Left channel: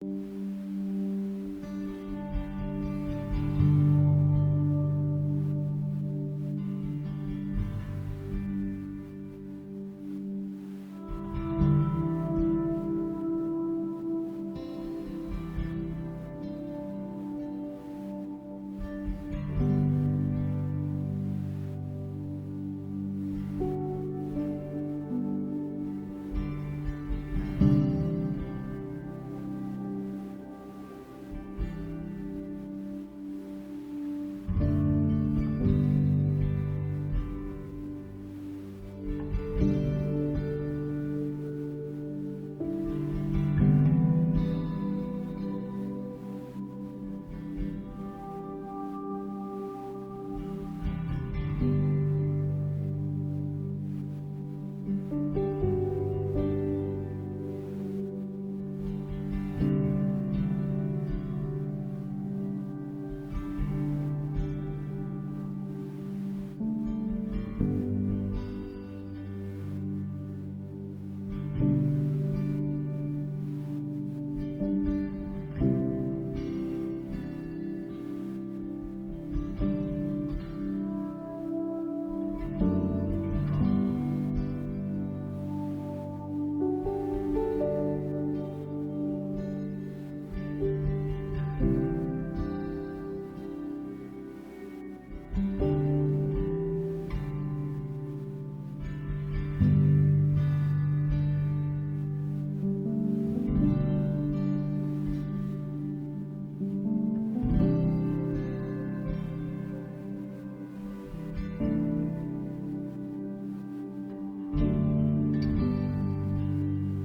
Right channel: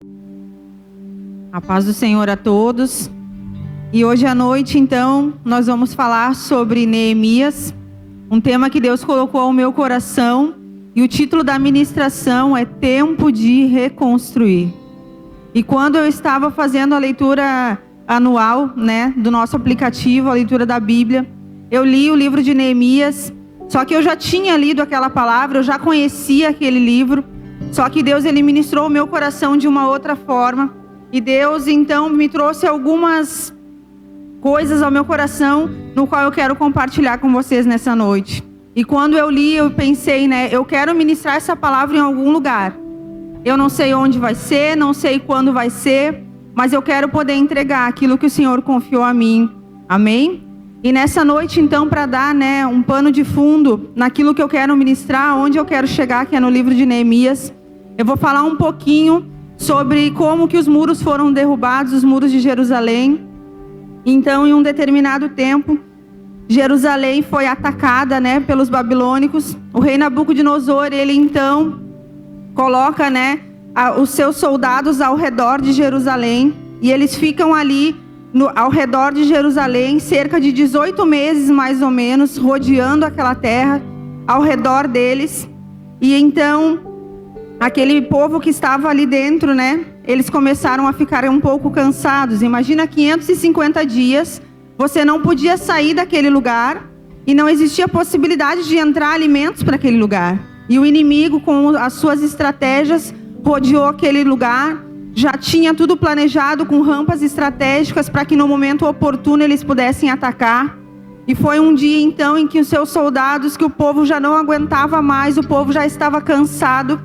A paz do Senhor a todos. E hoje à noite, então, nós vamos falar sobre Neemias, um tema que Deus colocou ao meu coração, e o título da ministração é Tempo de Reconstruir. E quando eu estava fazendo a leitura anual, do nosso aplicativo, a leitura da Bíblia, eu li o livro de Neemias, só que eu já tinha lido aquela palavra, eu já conhecia aquele livro, só que Deus ele ministrou o meu coração de uma outra forma. E Deus, então, me trouxe algumas coisas ao meu coração, no qual eu quero compartilhar com vocês nessa noite. E quando eu li, eu pensei, eu quero ministrar essa palavra em algum lugar. Eu não sei onde vai ser, não sei quando vai ser, mas eu quero poder entregar aquilo que o Senhor confiou a mim. Amém? E nessa noite, então, para dar, um pano de fundo naquilo que eu quero ministrar, onde eu quero chegar, que é no livro de Neemias, eu vou falar um pouquinho sobre como que os muros foram derrubados, os muros de Jerusalém. Então, em um determinado tempo, Jerusalém foi atacada, pelos babilônicos. O rei Nabucodonosor, ele então coloca, os seus soldados ao redor de Jerusalém, e eles ficam ali ao redor de Jerusalém, cerca de 18 meses mais ou menos, rodeando aquela terra, ao redor deles. E então aquele povo que estava ali dentro, eles começaram a ficar um pouco cansados. Imagina 550 dias, você não podia sair daquele lugar e não existia possibilidade de entrar alimentos para aquele lugar. E o inimigo, com as suas estratégias, rodeou aquele lugar, já tinha tudo planejado com rampas estratégicas para que no momento oportuno eles pudessem atacar. E foi um dia então em que os seus soldados, que o povo já não aguentava mais, o povo já estava cansado.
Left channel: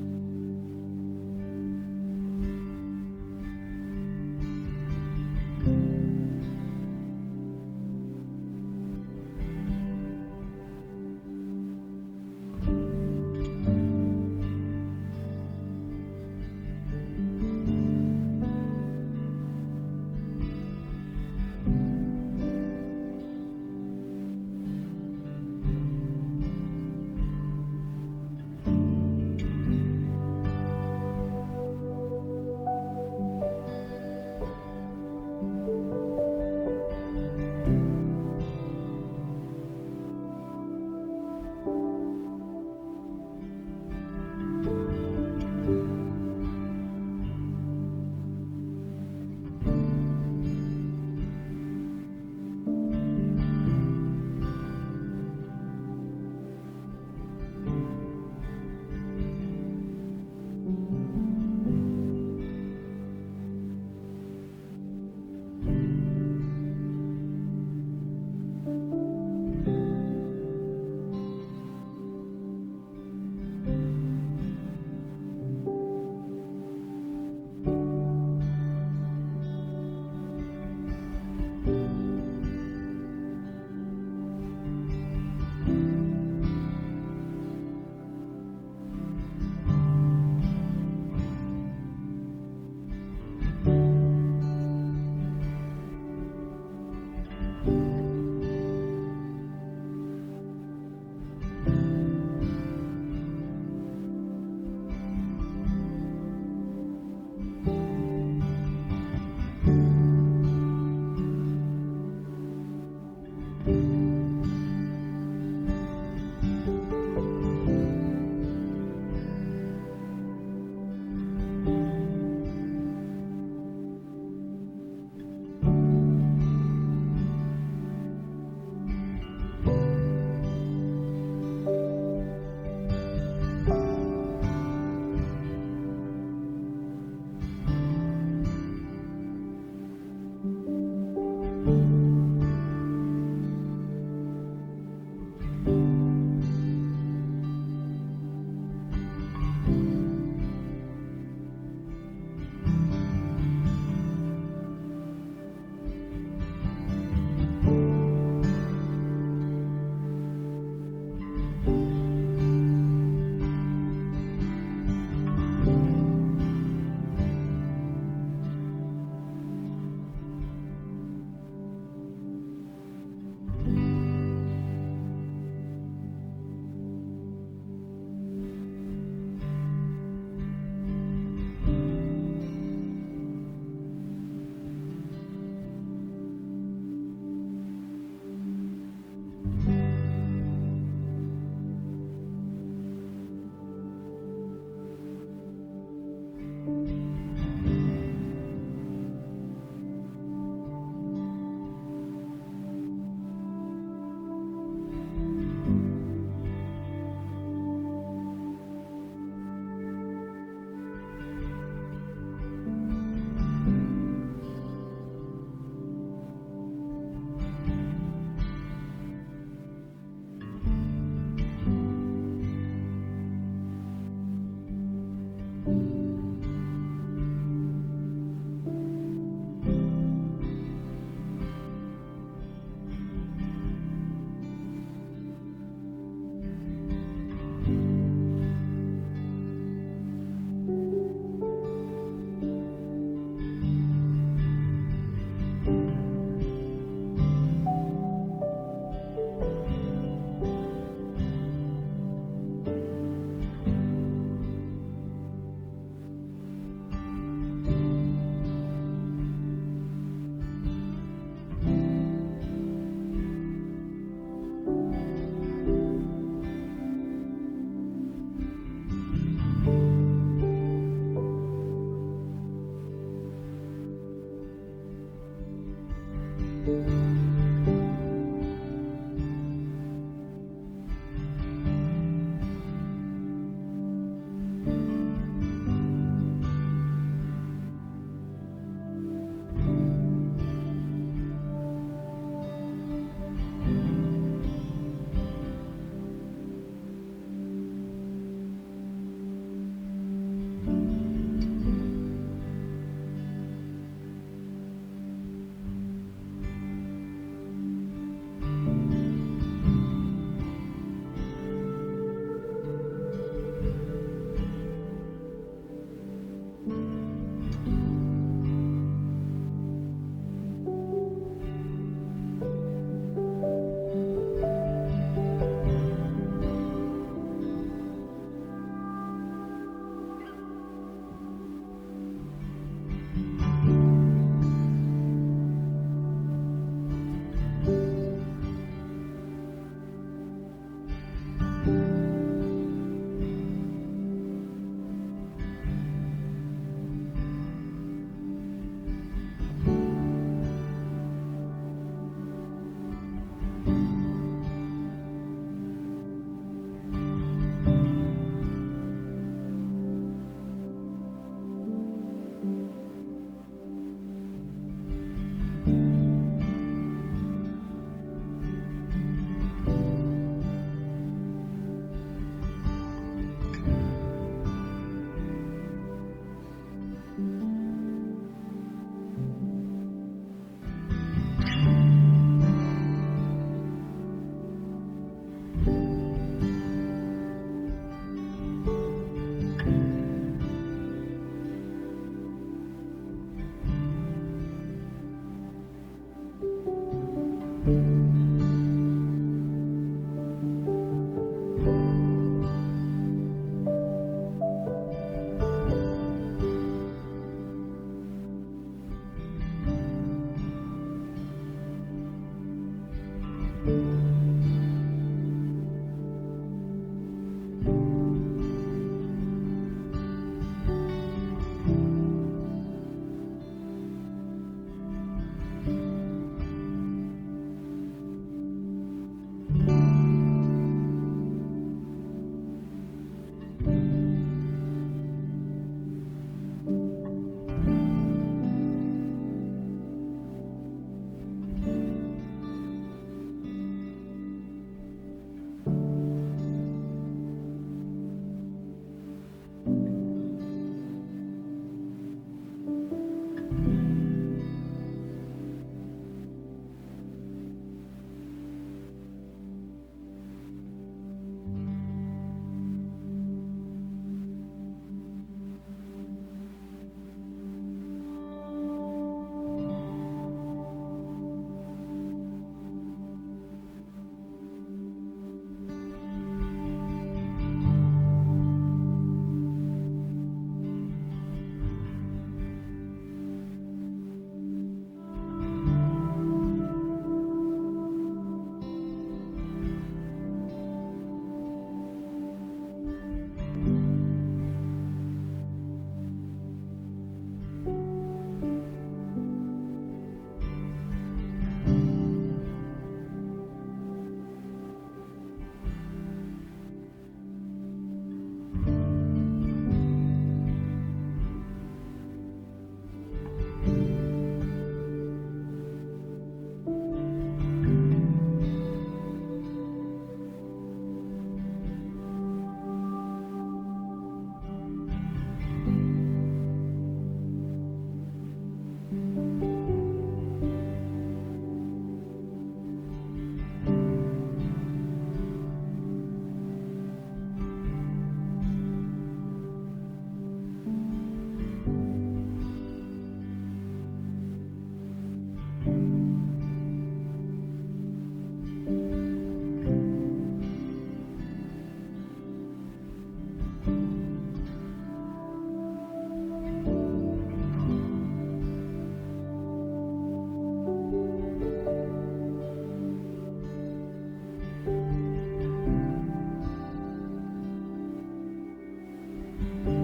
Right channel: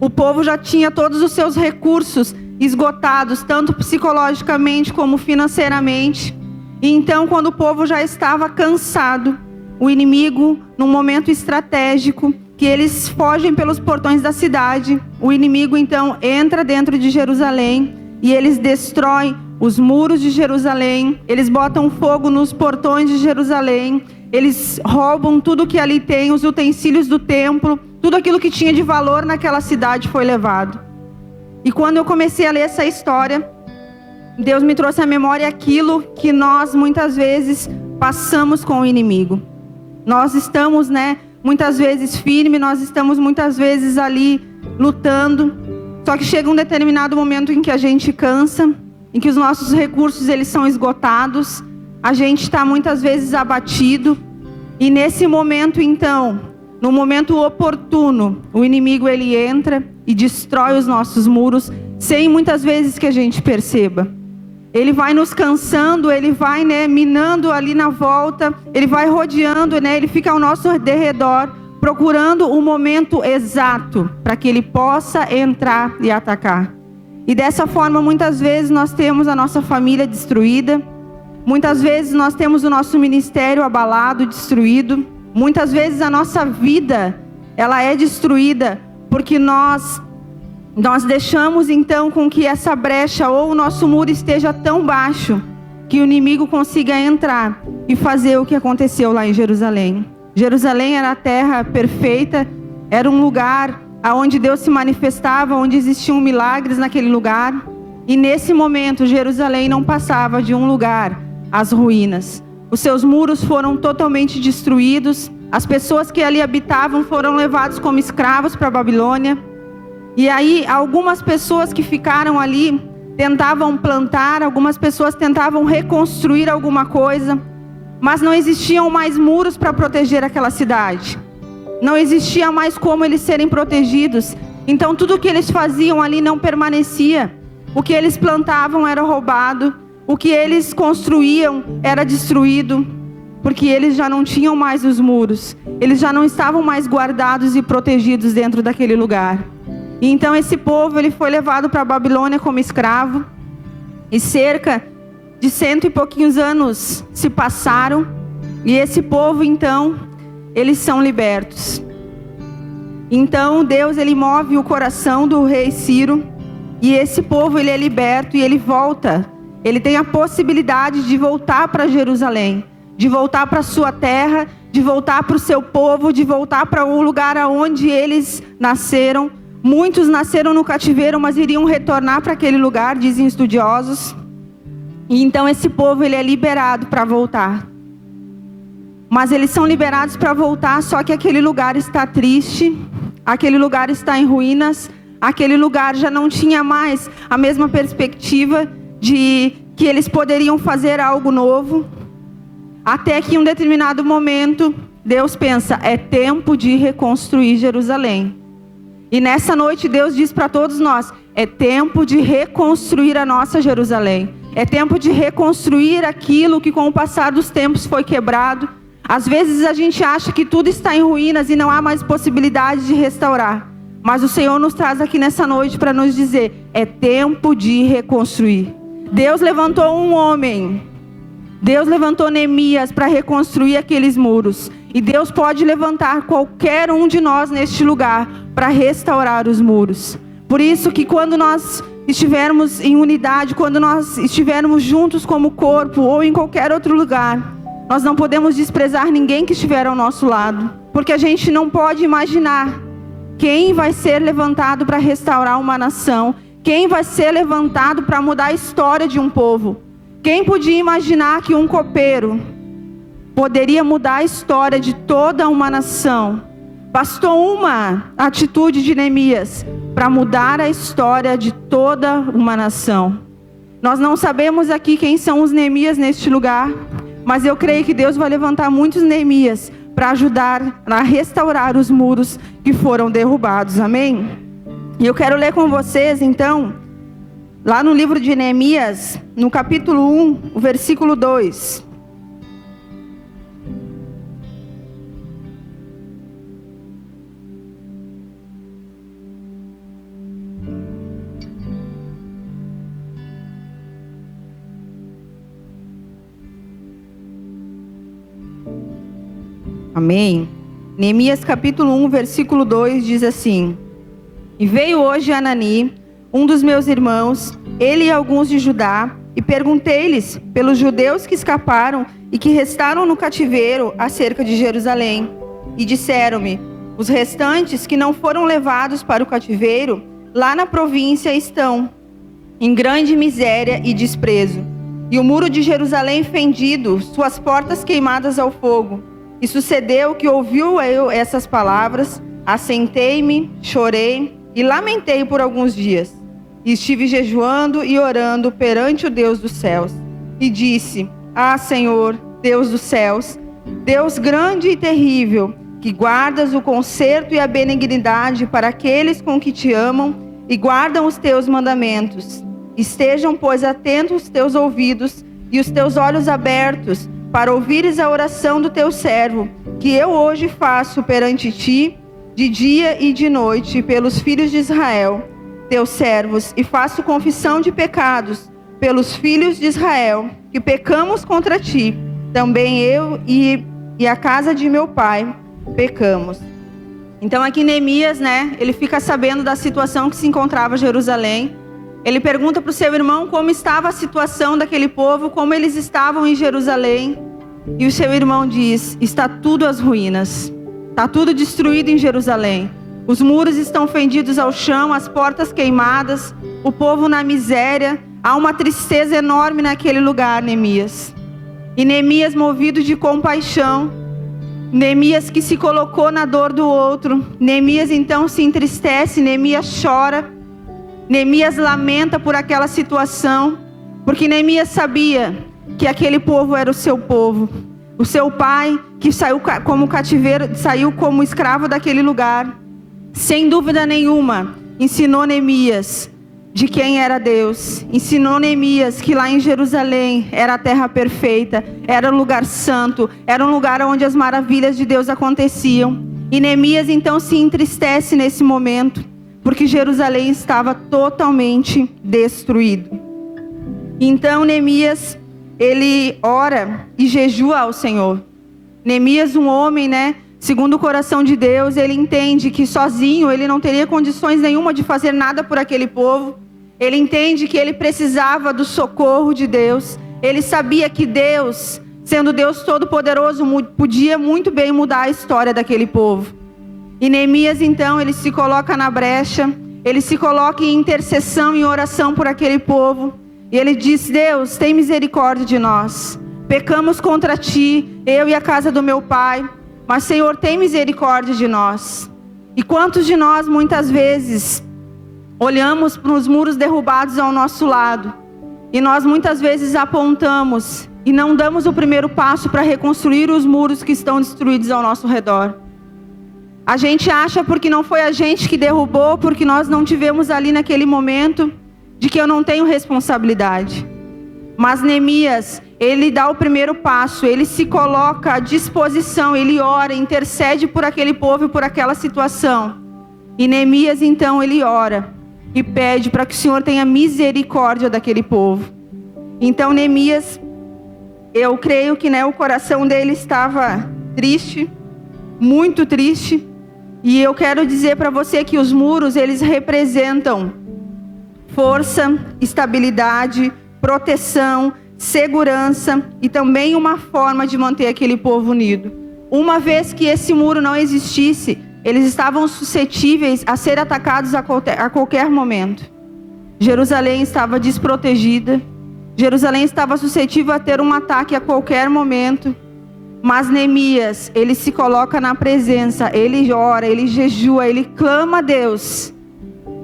O povo já tinha todos os seus recursos esgotados, tanto psicologicamente como financeiramente. E então, quando o povo já estava cansado, o inimigo, num momento estratégico, que eles fogem pelos portões da cidade, o inimigo então entra dentro de Jerusalém e eles destroem os muros de Jerusalém, eles botam fogo nos portões de Jerusalém, eles roubam tudo que ali tem, os utensílios do templo, tudo aquilo que tinha de valor naquela cidade foi levado. E quando eu comecei a ler essa história, Deus me trouxe à memória aquilo que nós muitas vezes passamos com o inimigo. Nós estamos, muitas vezes firmes, nós estamos muitas vezes ali lutando, só que chega um determinado momento em que a gente cansa, em que os nossos recursos eles são esgotados, a gente está muitas vezes abatido, e nesse momento então, no momento oportuno, o inimigo ele entra e destrói os nossos muros, sem muitas vezes que a gente perceba. Ele vai nos cansando, ele vai minando ali na volta, ele vai rodeando, ele fica ao nosso derredor, procurando o momento exato para que ele possa entrar e atacar. E dessa forma, muitas vezes nós temos a nossa família destruída, muitas vezes nós temos o nosso ministério abalado, destruído, muitas vezes a nossa vida, ela é destruída porque nós deixamos então com que essa brecha ou o nosso muro esteja tão baixo que o inimigo consiga entrar e fazer o que aconteceu lá em Jerusalém. Jerusalém era a terra perfeita, era um lugar onde Deus se manifestava, onde existiam milagres naquele lugar. E nesse momento Jerusalém não passava de um lugar às ruínas. Os seus muros foram totalmente destruídos, as pessoas que ali habitavam foram levadas como escravos para a Babilônia. E aí algumas pessoas que ficaram ali tentavam plantar, algumas pessoas tentavam reconstruir alguma coisa, mas não existiam mais muros para proteger aquela cidade. Não existia mais como eles serem protegidos. Então tudo o que eles faziam ali não permanecia. O que eles plantavam era roubado, o que eles construíam era destruído, porque eles já não tinham mais os muros, eles já não estavam mais guardados e protegidos dentro daquele lugar. E então esse povo ele foi levado para a Babilônia como escravo, e cerca de 100 e pouquinhos anos se passaram, e esse povo então, eles são libertos. Então Deus ele move o coração do rei Ciro, e esse povo ele é liberto e ele volta. Ele tem a possibilidade de voltar para Jerusalém, de voltar para a sua terra, de voltar para o seu povo, de voltar para o lugar aonde eles nasceram, Muitos nasceram no cativeiro, mas iriam retornar para aquele lugar, dizem estudiosos. E então esse povo ele é liberado para voltar. Mas eles são liberados para voltar, só que aquele lugar está triste, aquele lugar está em ruínas, aquele lugar já não tinha mais a mesma perspectiva de que eles poderiam fazer algo novo. Até que em um determinado momento, Deus pensa, é tempo de reconstruir Jerusalém. E nessa noite Deus diz para todos nós, é tempo de reconstruir a nossa Jerusalém. É tempo de reconstruir aquilo que com o passar dos tempos foi quebrado. Às vezes a gente acha que tudo está em ruínas e não há mais possibilidade de restaurar. Mas o Senhor nos traz aqui nessa noite para nos dizer, é tempo de reconstruir. Deus levantou um homem. Deus levantou Neemias para reconstruir aqueles muros. E Deus pode levantar qualquer um de nós neste lugar para restaurar os muros. Por isso que quando nós estivermos em unidade, quando nós estivermos juntos como corpo ou em qualquer outro lugar, nós não podemos desprezar ninguém que estiver ao nosso lado. Porque a gente não pode imaginar quem vai ser levantado para restaurar uma nação, quem vai ser levantado para mudar a história de um povo. Quem podia imaginar que um copeiro poderia mudar a história de toda uma nação? Bastou uma atitude de Neemias para mudar a história de toda uma nação. Nós não sabemos aqui quem são os Neemias neste lugar, mas eu creio que Deus vai levantar muitos Neemias para ajudar a restaurar os muros que foram derrubados. Amém? E eu quero ler com vocês então, lá no livro de Neemias, no capítulo 1, o versículo 2. Amém? Neemias capítulo 1, versículo 2 diz assim: E veio hoje Anani, um dos meus irmãos, ele e alguns de Judá, e perguntei-lhes pelos judeus que escaparam e que restaram no cativeiro acerca de Jerusalém. E disseram-me, os restantes que não foram levados para o cativeiro, lá na província estão, em grande miséria e desprezo. E o muro de Jerusalém fendido, suas portas queimadas ao fogo. E sucedeu que ouviu eu essas palavras, assentei-me, chorei e lamentei por alguns dias. E estive jejuando e orando perante o Deus dos céus. E disse, Senhor, Deus dos céus, Deus grande e terrível, que guardas o conserto e a benignidade para aqueles com que te amam e guardam os teus mandamentos. Estejam, pois, atentos os teus ouvidos e os teus olhos abertos, para ouvires a oração do teu servo, que eu hoje faço perante ti, de dia e de noite, pelos filhos de Israel, teus servos, e faço confissão de pecados pelos filhos de Israel, que pecamos contra ti. Também eu e a casa de meu pai pecamos. Então aqui Neemias, ele fica sabendo da situação que se encontrava Jerusalém. Ele pergunta para o seu irmão como estava a situação daquele povo, como eles estavam em Jerusalém. E o seu irmão diz, está tudo às ruínas, está tudo destruído em Jerusalém. Os muros estão fendidos ao chão, as portas queimadas, o povo na miséria. Há uma tristeza enorme naquele lugar, Neemias. E Neemias, movido de compaixão, Neemias que se colocou na dor do outro, Neemias então se entristece, Neemias chora, Neemias lamenta por aquela situação, porque Neemias sabia que aquele povo era o seu povo. O seu pai, que saiu como cativeiro, saiu como escravo daquele lugar, sem dúvida nenhuma, ensinou Neemias de quem era Deus. Ensinou Neemias que lá em Jerusalém era a terra perfeita, era um lugar santo, era um lugar onde as maravilhas de Deus aconteciam. E Neemias então se entristece nesse momento, porque Jerusalém estava totalmente destruído. Então Neemias, ele ora e jejua ao Senhor. Neemias, um homem, segundo o coração de Deus, ele entende que sozinho ele não teria condições nenhuma de fazer nada por aquele povo. Ele entende que ele precisava do socorro de Deus. Ele sabia que Deus, sendo Deus Todo-Poderoso, podia muito bem mudar a história daquele povo. E Neemias, então, ele se coloca na brecha, ele se coloca em intercessão, em oração por aquele povo. E ele diz: Deus, tem misericórdia de nós. Pecamos contra ti, eu e a casa do meu pai. Mas, Senhor, tem misericórdia de nós. E quantos de nós, muitas vezes, olhamos para os muros derrubados ao nosso lado, e nós muitas vezes apontamos e não damos o primeiro passo para reconstruir os muros que estão destruídos ao nosso redor. A gente acha porque não foi a gente que derrubou, porque nós não tivemos ali naquele momento, de que eu não tenho responsabilidade. Mas Neemias, ele dá o primeiro passo, ele se coloca à disposição, ele ora, intercede por aquele povo e por aquela situação. E Neemias, então, ele ora e pede para que o Senhor tenha misericórdia daquele povo. Então Neemias, eu creio que, o coração dele estava triste, muito triste. E eu quero dizer para você que os muros, eles representam força, estabilidade, proteção, segurança e também uma forma de manter aquele povo unido. Uma vez que esse muro não existisse, eles estavam suscetíveis a ser atacados a qualquer momento. Jerusalém estava desprotegida, Jerusalém estava suscetível a ter um ataque a qualquer momento. Mas Neemias, ele se coloca na presença, ele ora, ele jejua, ele clama a Deus.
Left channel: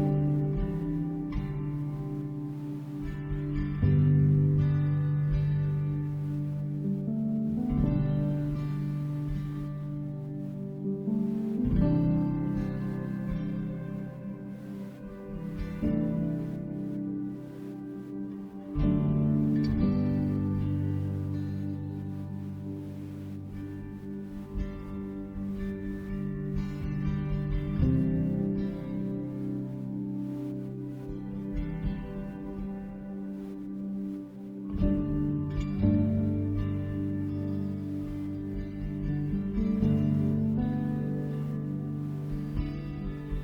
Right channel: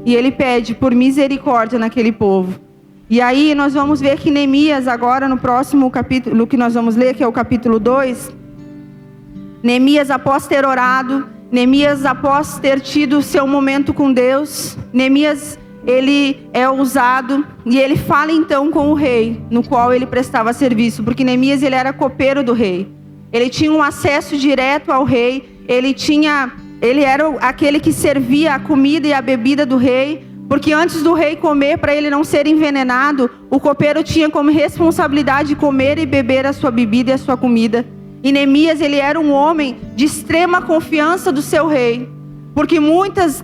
E ele pede por misericórdia naquele povo. E aí nós vamos ver que Neemias, agora no próximo capítulo que nós vamos ler, que é o capítulo 2. Neemias, após ter orado, Neemias, após ter tido seu momento com Deus, Neemias, ele é ousado e ele fala então com o rei, no qual ele prestava serviço. Porque Neemias, ele era copeiro do rei. Ele tinha um acesso direto ao rei, ele era aquele que servia a comida e a bebida do rei, porque antes do rei comer, para ele não ser envenenado, o copeiro tinha como responsabilidade comer e beber a sua bebida e a sua comida. E Neemias, ele era um homem de extrema confiança do seu rei, porque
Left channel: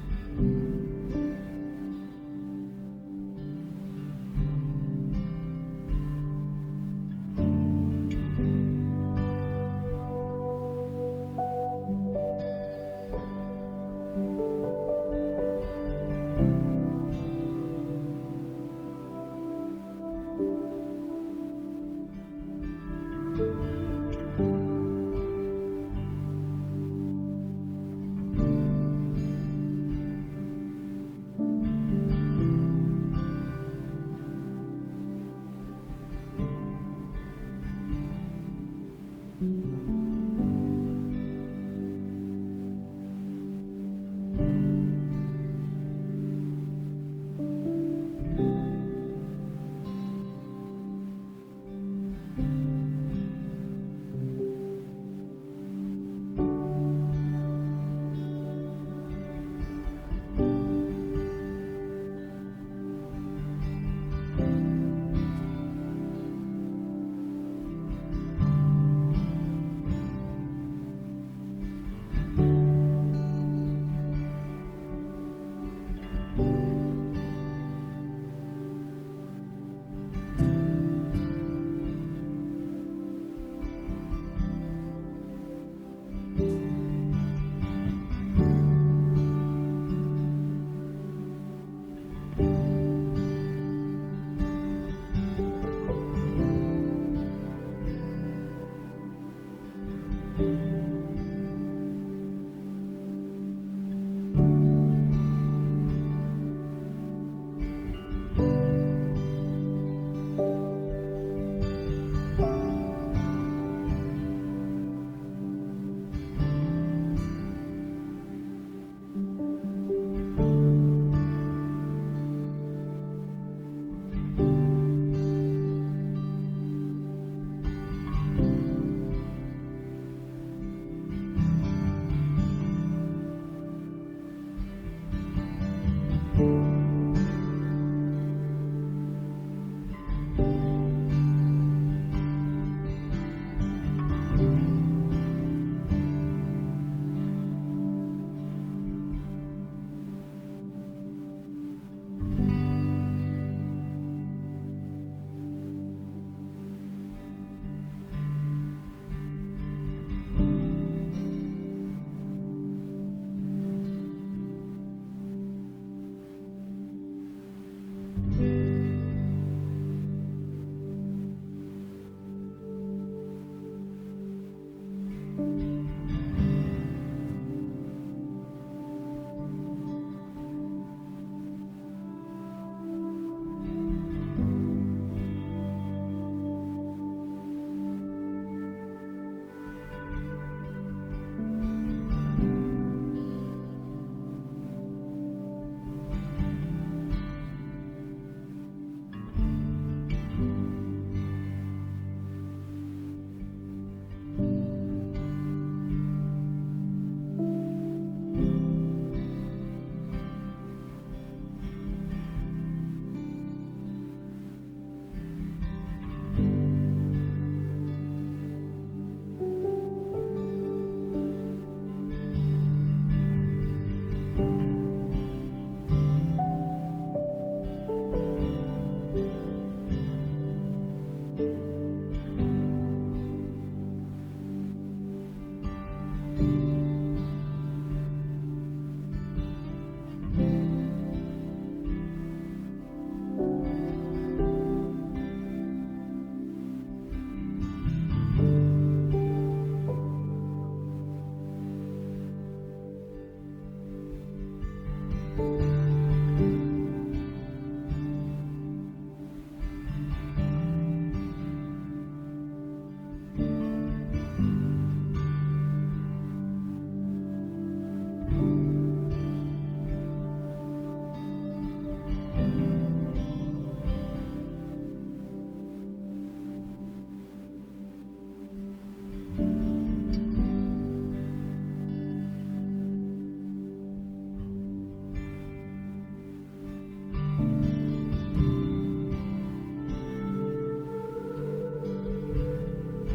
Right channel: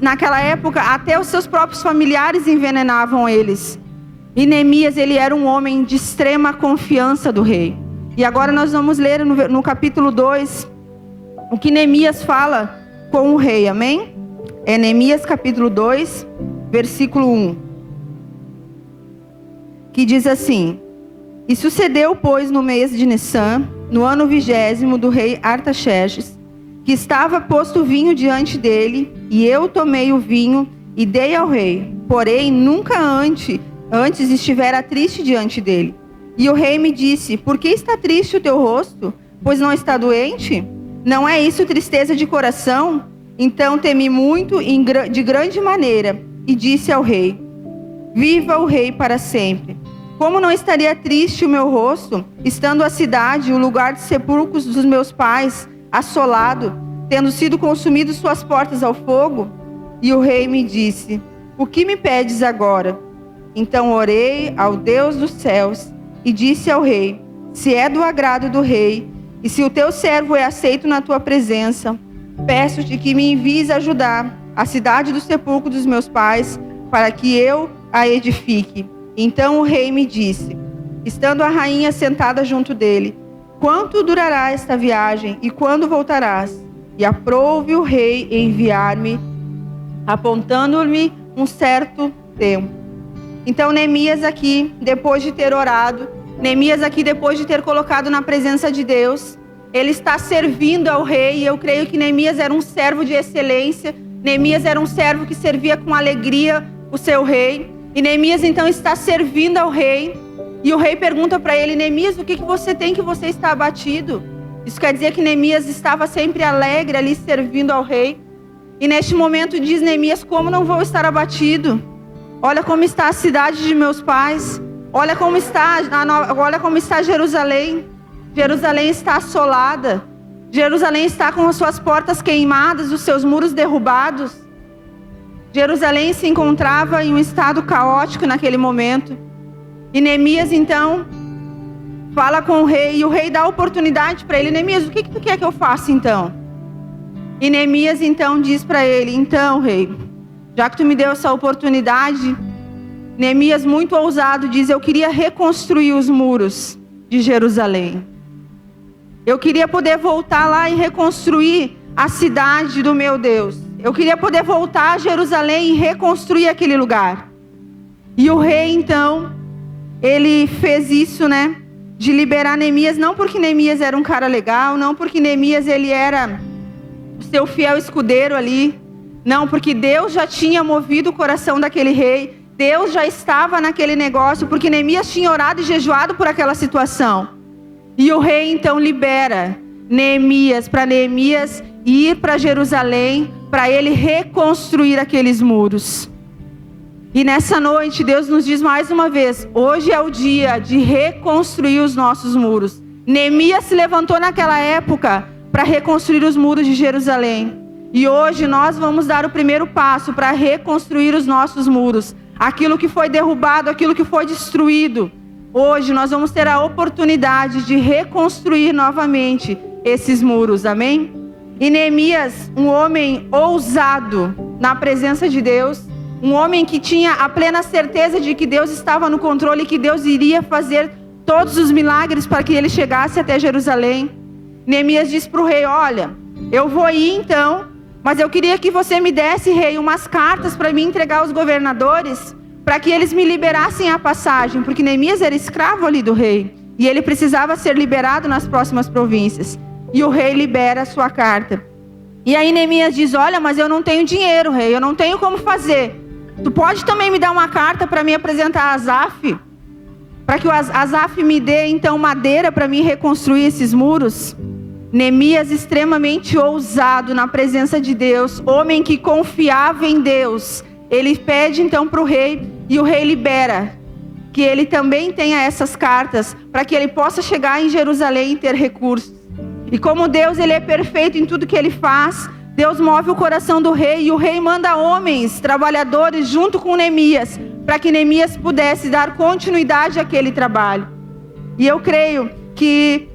naquela época, até os seus próprios familiares envenenavam eles. E Neemias, ele era um homem de extrema confiança do rei. E agora nós vamos ler no capítulo 2, o que Neemias fala com o rei, amém? É Neemias capítulo 2, versículo 1. Que diz assim: E sucedeu, pois, no mês de Nissan, no ano 20º do rei Artaxerxes, que estava posto vinho diante dele, e eu tomei o vinho e dei ao rei. Porém, nunca antes estivera triste diante dele. E o rei me disse: Por que está triste o teu rosto? Pois não está doente? Não é isso tristeza de coração? Então temi muito de grande maneira, e disse ao rei: Viva o rei para sempre. Como não estaria triste o meu rosto, estando a cidade, o lugar de sepulcros dos meus pais, assolado, tendo sido consumido suas portas ao fogo? E o rei me disse: O que me pedes agora? Então orei ao Deus dos céus, e disse ao rei: Se é do agrado do rei, e se o teu servo é aceito na tua presença, peço-te que me envies ajudar a cidade do sepulcro dos meus pais, para que eu a edifique. Então o rei me disse, estando a rainha sentada junto dele: Quanto durará esta viagem, e quando voltarás? E aprouve o rei enviar-me, apontando-me um certo tempo. Então Neemias aqui, depois de ter orado, Neemias aqui, depois de ter colocado na presença de Deus, ele está servindo ao rei. E eu creio que Neemias era um servo de excelência. Neemias era um servo que servia com alegria o seu rei. E Neemias então está servindo ao rei. E o rei pergunta para ele: Neemias, o que você tem que você está abatido? Isso quer dizer que Neemias estava sempre alegre ali servindo ao rei. E neste momento diz Neemias: Como não vou estar abatido? Olha como está a cidade de meus pais. Olha como está Jerusalém. Jerusalém está assolada. Jerusalém está com as suas portas queimadas, os seus muros derrubados. Jerusalém se encontrava em um estado caótico naquele momento. E Neemias então fala com o rei, e o rei dá a oportunidade para ele: Neemias, o que tu quer que eu faça então? E Neemias então diz para ele: Então, rei, já que tu me deu essa oportunidade, Neemias, muito ousado, diz: Eu queria reconstruir os muros de Jerusalém. Eu queria poder voltar lá e reconstruir a cidade do meu Deus. eu queria poder voltar a Jerusalém e reconstruir aquele lugar. E o rei, então, ele fez isso, né? De liberar Neemias, não porque Neemias era um cara legal, não porque Neemias ele era seu fiel escudeiro ali, não, porque Deus já tinha movido o coração daquele rei, Deus já estava naquele negócio, porque Neemias tinha orado e jejuado por aquela situação. E o rei então libera Neemias, para Neemias ir para Jerusalém, para ele reconstruir aqueles muros. E nessa noite Deus nos diz mais uma vez, hoje é o dia de reconstruir os nossos muros. Neemias se levantou naquela época para reconstruir os muros de Jerusalém. E hoje nós vamos dar o primeiro passo para reconstruir os nossos muros. Aquilo que foi derrubado, aquilo que foi destruído. Hoje nós vamos ter a oportunidade de reconstruir novamente esses muros, amém? E Neemias, um homem ousado na presença de Deus, um homem que tinha a plena certeza de que Deus estava no controle e que Deus iria fazer todos os milagres para que ele chegasse até Jerusalém. Neemias disse para o rei, olha, eu vou ir então, mas eu queria que você me desse, rei, umas cartas para me entregar aos governadores, para que eles me liberassem a passagem, porque Neemias era escravo ali do rei, e ele precisava ser liberado nas próximas províncias. E o rei libera a sua carta. E aí Neemias diz, olha, mas eu não tenho dinheiro, rei, eu não tenho como fazer. Tu pode também me dar uma carta para me apresentar a Asaf? Para que o Asaf me dê então madeira para mim reconstruir esses muros? Neemias, extremamente ousado na presença de Deus, homem que confiava em Deus, ele pede então para o rei, e o rei libera que ele também tenha essas cartas, para que ele possa chegar em Jerusalém e ter recursos. E como Deus ele é perfeito em tudo que ele faz, Deus move o coração do rei, e o rei manda homens, trabalhadores, junto com Neemias, para que Neemias pudesse dar continuidade àquele trabalho. E eu creio que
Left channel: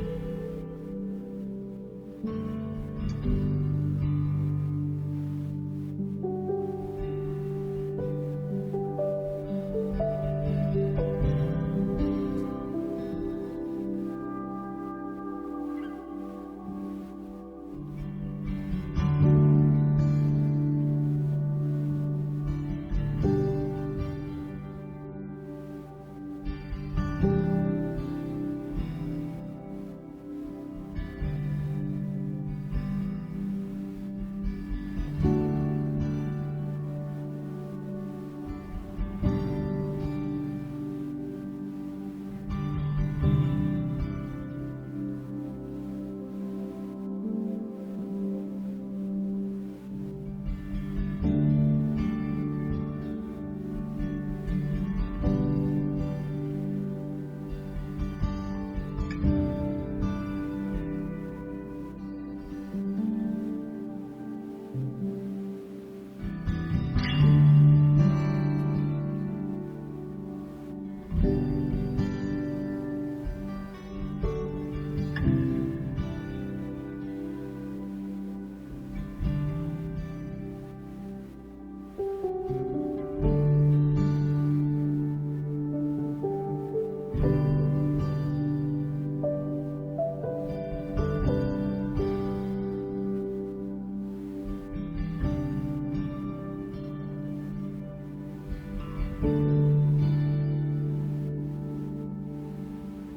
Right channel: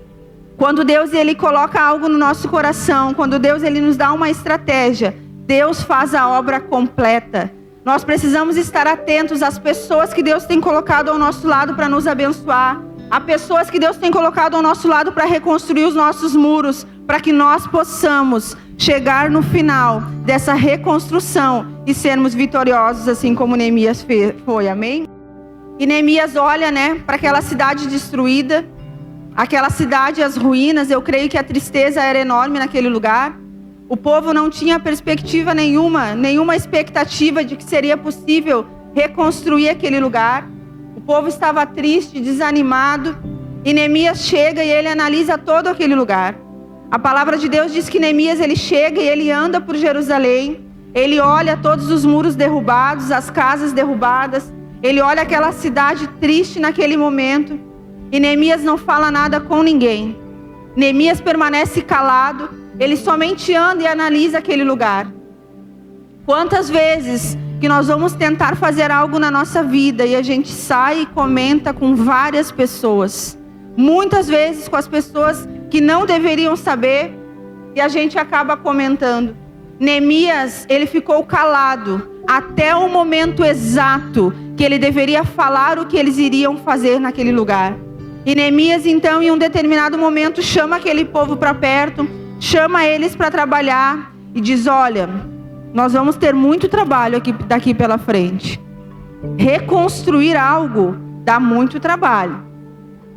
quando Deus ele coloca algo no nosso coração, quando Deus ele nos dá uma estratégia, Deus faz a obra completa. Nós precisamos estar atentos às pessoas que Deus tem colocado ao nosso lado para nos abençoar, a pessoas que Deus tem colocado ao nosso lado para reconstruir os nossos muros, para que nós possamos chegar no final dessa reconstrução e sermos vitoriosos, assim como Neemias foi, amém? E Neemias olha, né, para aquela cidade destruída, aquela cidade, as ruínas. Eu creio que a tristeza era enorme naquele lugar. O povo não tinha perspectiva nenhuma expectativa de que seria possível reconstruir aquele lugar. O povo estava triste, desanimado, e Neemias chega e ele analisa todo aquele lugar. A palavra de Deus diz que Neemias ele chega e ele anda por Jerusalém, ele olha todos os muros derrubados, as casas derrubadas, ele olha aquela cidade triste naquele momento, e Neemias não fala nada com ninguém. Neemias permanece calado, ele somente anda e analisa aquele lugar. Quantas vezes que nós vamos tentar fazer algo na nossa vida e a gente sai e comenta com várias pessoas, muitas vezes com as pessoas que não deveriam saber, e a gente acaba comentando. Neemias, ele ficou calado até o momento exato que ele deveria falar o que eles iriam fazer naquele lugar. E Neemias então, em um determinado momento, chama aquele povo para perto, chama eles para trabalhar e diz, olha, nós vamos ter muito trabalho daqui pela frente. Reconstruir algo dá muito trabalho,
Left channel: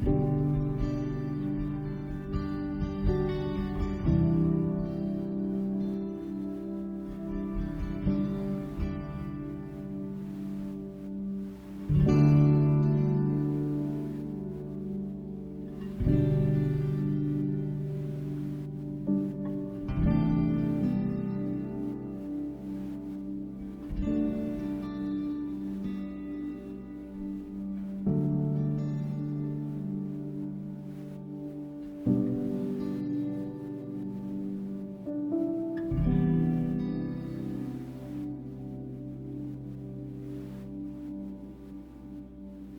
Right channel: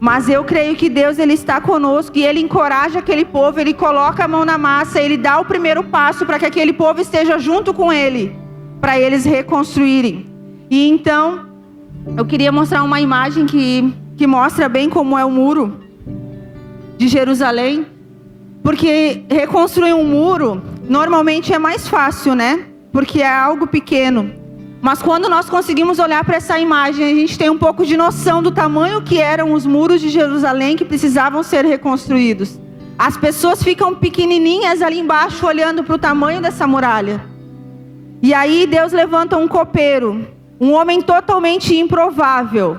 mas eu creio que Deus ele está conosco, e ele encoraja aquele povo, ele coloca a mão na massa, ele dá o primeiro passo para que aquele povo esteja junto com ele, para eles reconstruírem. E então, eu queria mostrar uma imagem que mostra bem como é o muro de Jerusalém, porque reconstruir um muro normalmente é mais fácil, né? Porque é algo pequeno. Mas quando nós conseguimos olhar para essa imagem, a gente tem um pouco de noção do tamanho que eram os muros de Jerusalém que precisavam ser reconstruídos. As pessoas ficam pequenininhas ali embaixo olhando para o tamanho dessa muralha. E aí Deus levanta um copeiro, um homem totalmente improvável,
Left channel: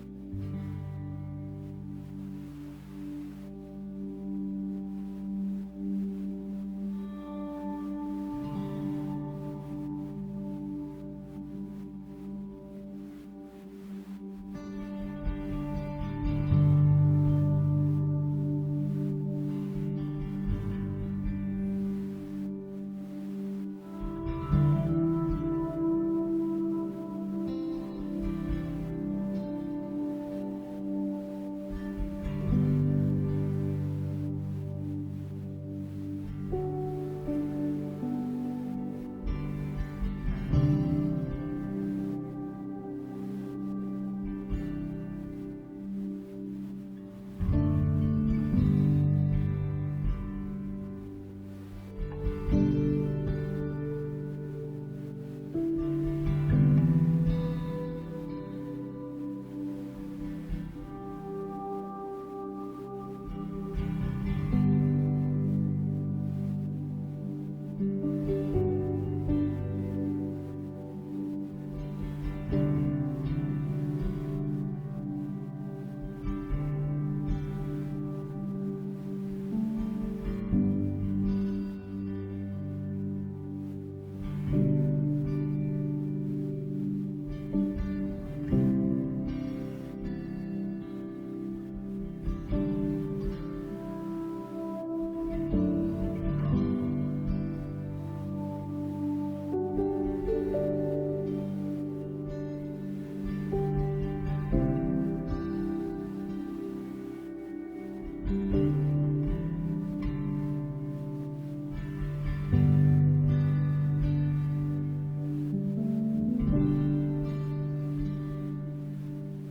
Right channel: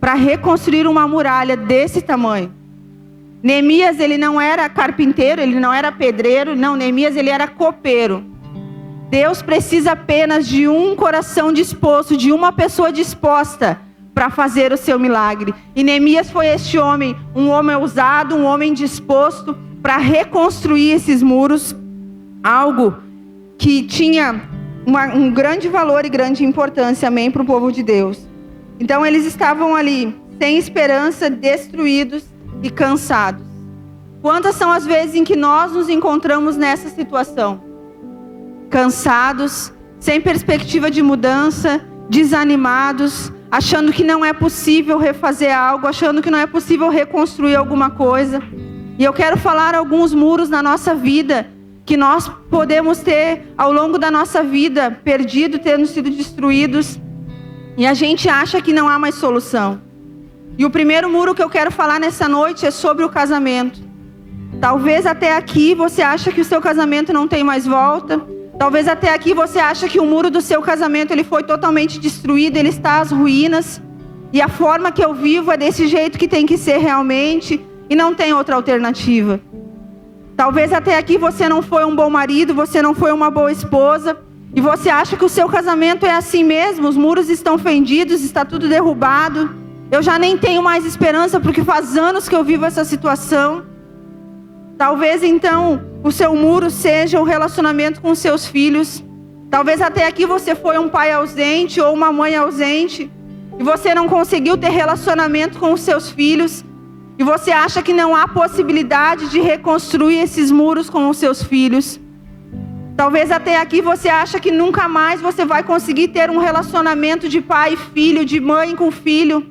para reconstruir uma muralha desse tamanho. Neemias, ele não era carpinteiro, ele não era pedreiro, não, Neemias, ele era copeiro. Deus precisa apenas de um coração disposto, de uma pessoa disposta para fazer o seu milagre. E Neemias foi este homem, um homem ousado, um homem disposto para reconstruir esses muros, algo que tinha um grande valor e grande importância, amém, para o povo de Deus. Então eles estavam ali, sem esperança, destruídos e cansados. Quantas são as vezes em que nós nos encontramos nessa situação? Cansados, sem perspectiva de mudança, desanimados, achando que não é possível refazer algo, achando que não é possível reconstruir alguma coisa. E eu quero falar alguns muros na nossa vida que nós podemos ter ao longo da nossa vida, perdido, tendo sido destruídos, e a gente acha que não há mais solução. E o primeiro muro que eu quero falar nessa noite é sobre o casamento. Talvez até aqui você acha que o seu casamento não tem mais volta. Talvez até aqui você acha que o muro do seu casamento ele foi totalmente destruído, ele está às ruínas. E a forma que eu vivo é desse jeito que tem que ser realmente, e não tem outra alternativa. Talvez até aqui você não foi um bom marido, você não foi uma boa esposa, e você acha que o seu casamento é assim mesmo, os muros estão fendidos, está tudo derrubado. Eu já nem tenho mais esperança porque faz anos que eu vivo essa situação. Talvez então o seu muro seja o relacionamento com os seus filhos. Talvez até aqui você foi um pai ausente ou uma mãe ausente, e você não conseguiu ter relacionamento com os seus filhos. E você acha que não há possibilidade de reconstruir esses muros com os seus filhos. Talvez até aqui você acha que nunca mais você vai conseguir ter um relacionamento de pai e filho, de mãe com filho.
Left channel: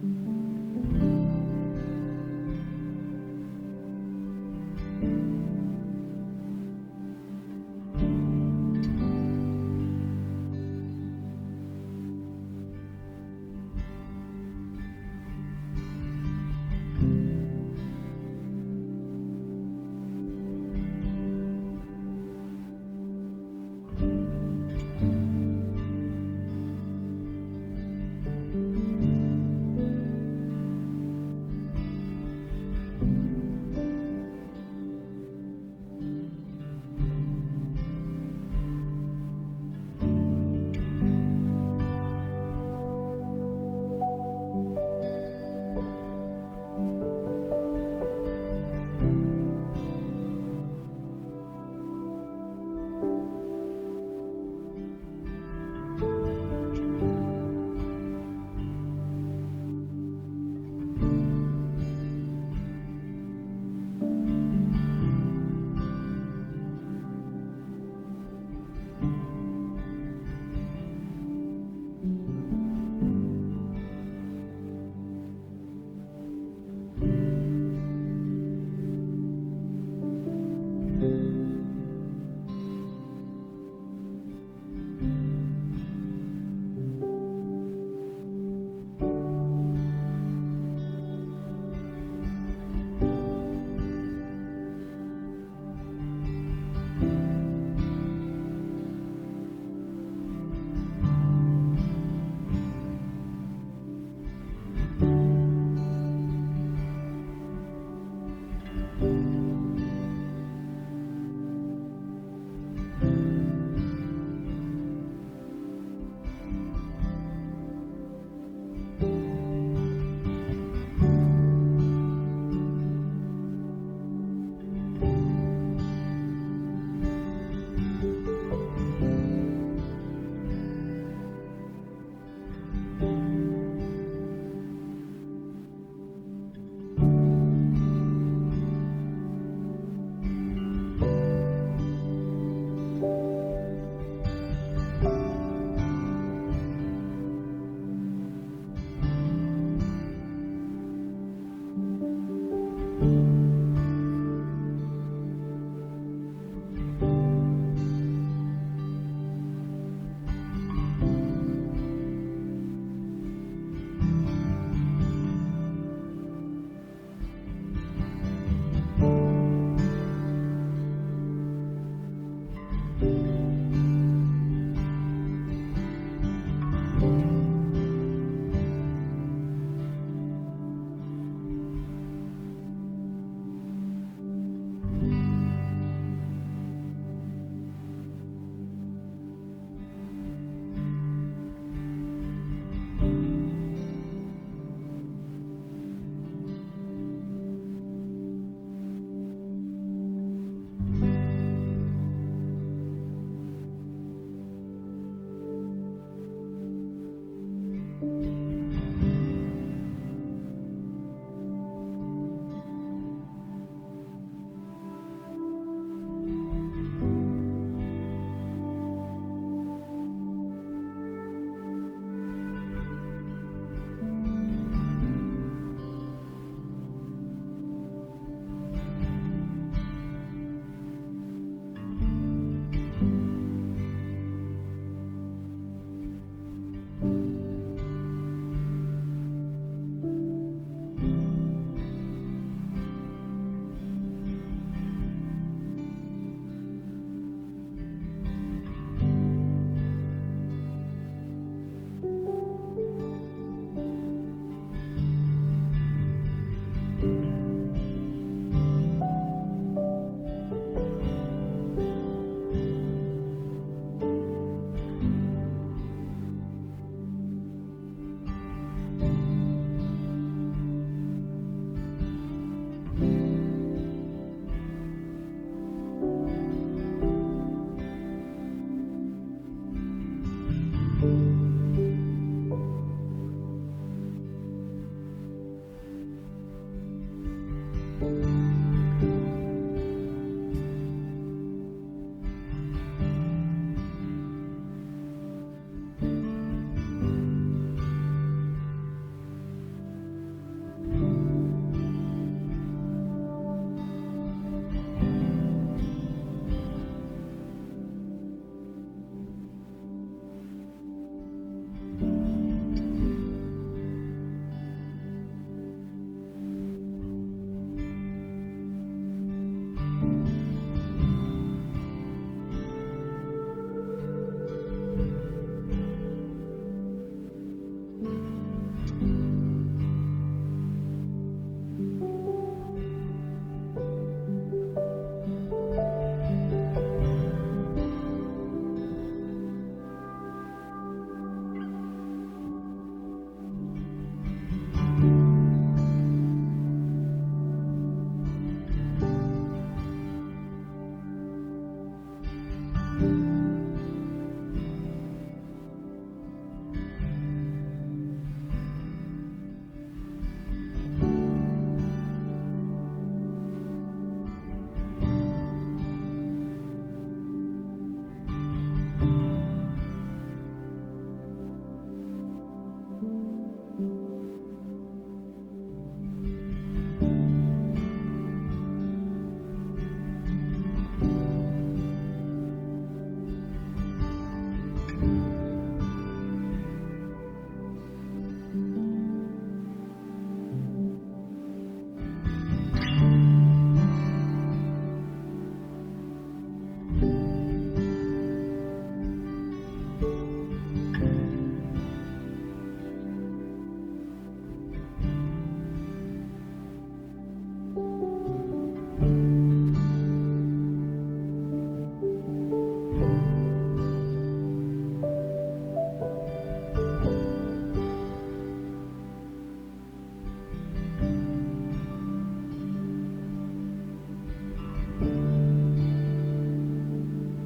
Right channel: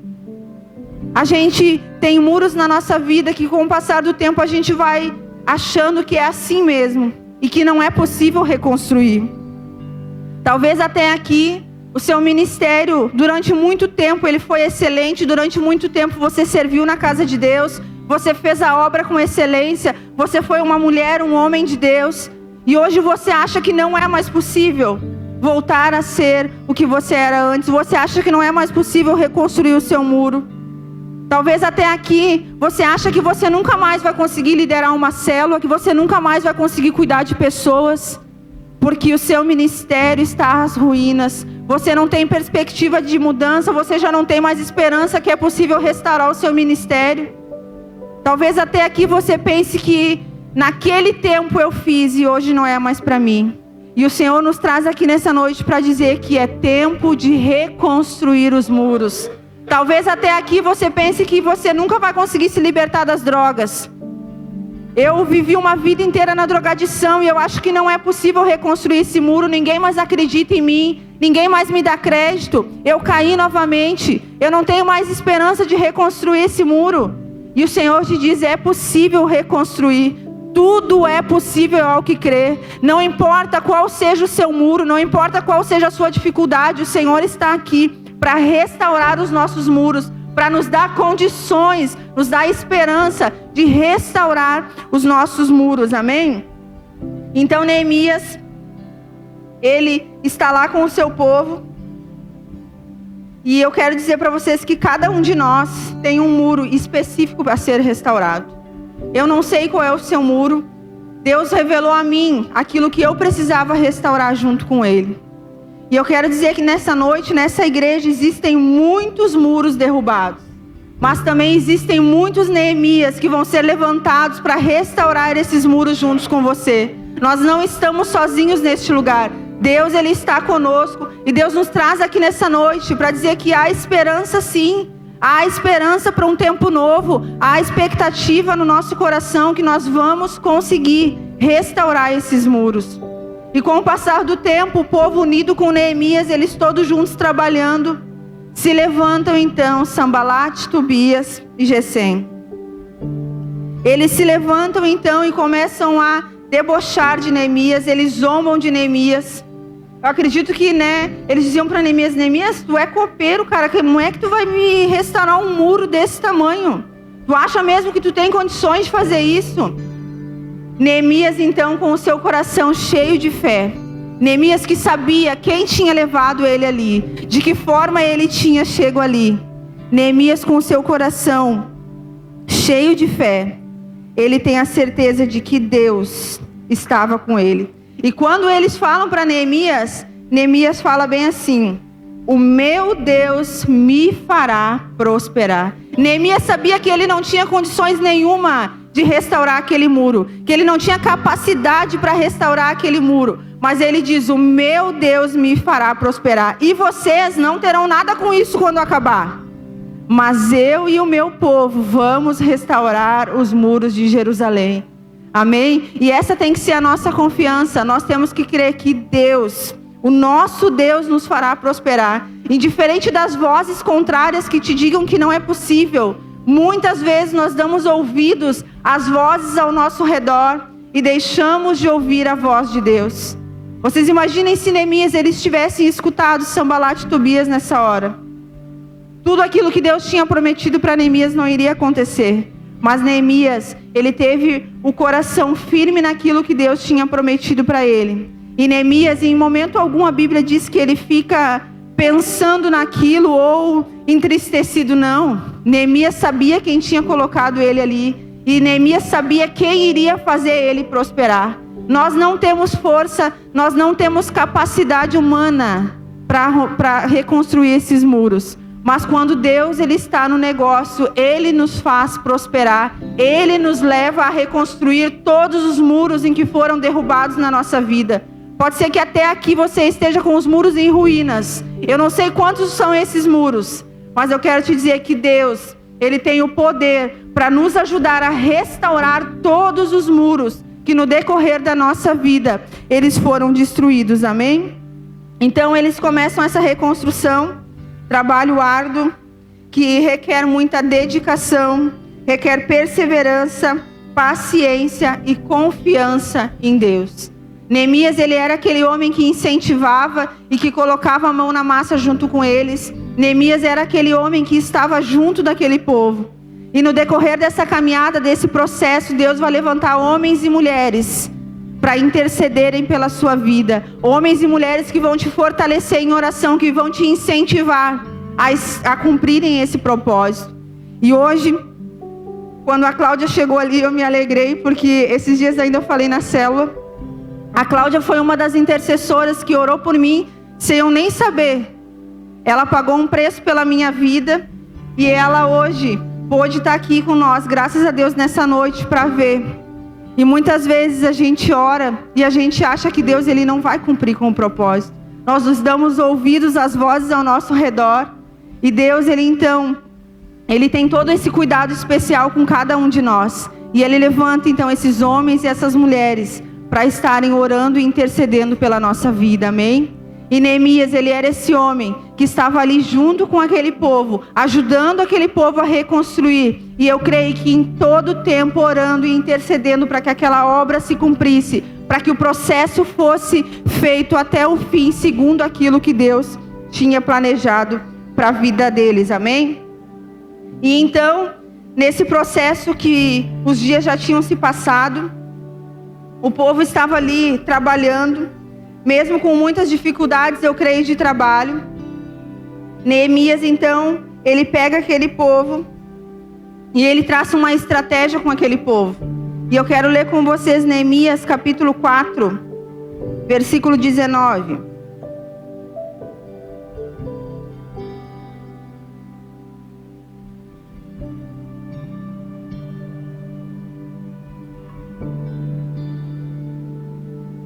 A gente tem muros na nossa vida que com o passar do tempo a gente vai achando que é assim mesmo e que não é possível reconstruir. Talvez até aqui o seu ministério, durante muito tempo, ele foi excelente. Durante muito tempo você serviu na casa de Deus. Você fez a obra com excelência. Você foi uma mulher, um homem de Deus. E hoje você acha que não é mais possível voltar a ser o que você era antes. Você acha que não é mais possível reconstruir o seu muro. Talvez até aqui você acha que você nunca mais vai conseguir liderar uma célula, que você nunca mais vai conseguir cuidar de pessoas, porque o seu ministério está às ruínas. Você não tem perspectiva de mudança, você já não tem mais esperança que é possível restaurar o seu ministério. Talvez até aqui você pense que naquele tempo eu fiz e hoje não é mais para mim. E o Senhor nos traz aqui nessa noite para dizer que é tempo de reconstruir os muros. Talvez até aqui você pense que você nunca vai conseguir se libertar das drogas. Eu vivi uma vida inteira na drogadição e eu acho que não é possível reconstruir esse muro. Ninguém mais acredita em mim, ninguém mais me dá crédito. Eu caí novamente, eu não tenho mais esperança de reconstruir esse muro. E o Senhor te diz, é possível reconstruir. Tudo é possível ao que crer. Não importa qual seja o seu muro, não importa qual seja a sua dificuldade, o Senhor está aqui para restaurar os nossos muros, para nos dar condições, nos dar esperança de restaurar os nossos muros, amém? Então Neemias, ele está lá com o seu povo, e eu quero dizer para vocês que cada um de nós tem um muro específico para ser restaurado. Eu não sei qual é o seu muro. Deus revelou a mim aquilo que eu precisava restaurar junto com Ele. E eu quero dizer que nessa noite, nessa igreja, existem muitos muros derrubados. Mas também existem muitos Neemias que vão ser levantados para restaurar esses muros juntos com você. Nós não estamos sozinhos neste lugar. Deus, Ele está conosco. E Deus nos traz aqui nessa noite para dizer que há esperança sim. Há esperança para um tempo novo. Há expectativa no nosso coração que nós vamos conseguir restaurar esses muros. E com o passar do tempo, o povo unido com Neemias, eles todos juntos trabalhando, se levantam então Sambalate, Tobias e Gesem. Eles se levantam então e começam a debochar de Neemias, eles zombam de Neemias. Eu acredito que, eles diziam para Neemias, Neemias, tu é copeiro, cara, como é que tu vai me restaurar um muro desse tamanho? Tu acha mesmo que tu tem condições de fazer isso? Neemias então com o seu coração cheio de fé, Neemias que sabia quem tinha levado ele ali, de que forma ele tinha chego ali, Neemias com o seu coração cheio de fé, ele tem a certeza de que Deus estava com ele. E quando eles falam para Neemias, Neemias fala bem assim, o meu Deus me fará prosperar. Neemias sabia que ele não tinha condições nenhuma de restaurar aquele muro, que ele não tinha capacidade para restaurar aquele muro, Mas ele diz: o meu Deus me fará prosperar. E vocês não terão nada com isso quando acabar. Mas eu e o meu povo vamos restaurar os muros de Jerusalém. Amém? E essa tem que ser a nossa confiança. Nós temos que crer que Deus, o nosso Deus, nos fará prosperar. Indiferente das vozes contrárias que te digam que não é possível. Muitas vezes nós damos ouvidos às vozes ao nosso redor e deixamos de ouvir a voz de Deus. Vocês imaginem se Neemias eles tivessem escutado Sanbalat e Tobias nessa hora. Tudo aquilo que Deus tinha prometido para Neemias não iria acontecer. Mas Neemias, ele teve o coração firme naquilo que Deus tinha prometido para ele. E Neemias, em momento algum, a Bíblia diz que ele fica pensando naquilo ou entristecido. Não. Neemias sabia quem tinha colocado ele ali. E Neemias sabia quem iria fazer ele prosperar. Nós não temos força, nós não temos capacidade humana para reconstruir esses muros. Mas quando Deus ele está no negócio, Ele nos faz prosperar. Ele nos leva a reconstruir todos os muros em que foram derrubados na nossa vida. Pode ser que até aqui você esteja com os muros em ruínas. Eu não sei quantos são esses muros, mas eu quero te dizer que Deus, Ele tem o poder para nos ajudar a restaurar todos os muros que no decorrer da nossa vida, eles foram destruídos. Amém? Então eles começam essa reconstrução. Trabalho árduo, que requer muita dedicação, requer perseverança, paciência e confiança em Deus. Neemias, ele era aquele homem que incentivava e que colocava a mão na massa junto com eles. Neemias era aquele homem que estava junto daquele povo. E no decorrer dessa caminhada, desse processo, Deus vai levantar homens e mulheres para intercederem pela sua vida. Homens e mulheres que vão te fortalecer em oração, que vão te incentivar a cumprirem esse propósito. E hoje, quando a Cláudia chegou ali, eu me alegrei, porque esses dias ainda eu falei na célula. A Cláudia foi uma das intercessoras que orou por mim, sem eu nem saber. Ela pagou um preço pela minha vida, e ela hoje pôde estar aqui com nós, graças a Deus, nessa noite, para ver. E muitas vezes a gente ora e a gente acha que Deus ele não vai cumprir com o propósito. Nós nos damos ouvidos às vozes ao nosso redor. E Deus, Ele tem todo esse cuidado especial com cada um de nós. E Ele levanta então esses homens e essas mulheres para estarem orando e intercedendo pela nossa vida. Amém? E Neemias, ele era esse homem que estava ali junto com aquele povo, ajudando aquele povo a reconstruir. E eu creio que em todo tempo orando e intercedendo para que aquela obra se cumprisse, para que o processo fosse feito até o fim, segundo aquilo que Deus tinha planejado para a vida deles. Amém? E então, nesse processo que os dias já tinham se passado, o povo estava ali trabalhando, mesmo com muitas dificuldades, eu creio, de trabalho. Neemias, então, ele pega aquele povo e ele traça uma estratégia com aquele povo. E eu quero ler com vocês Neemias capítulo 4, versículo 19.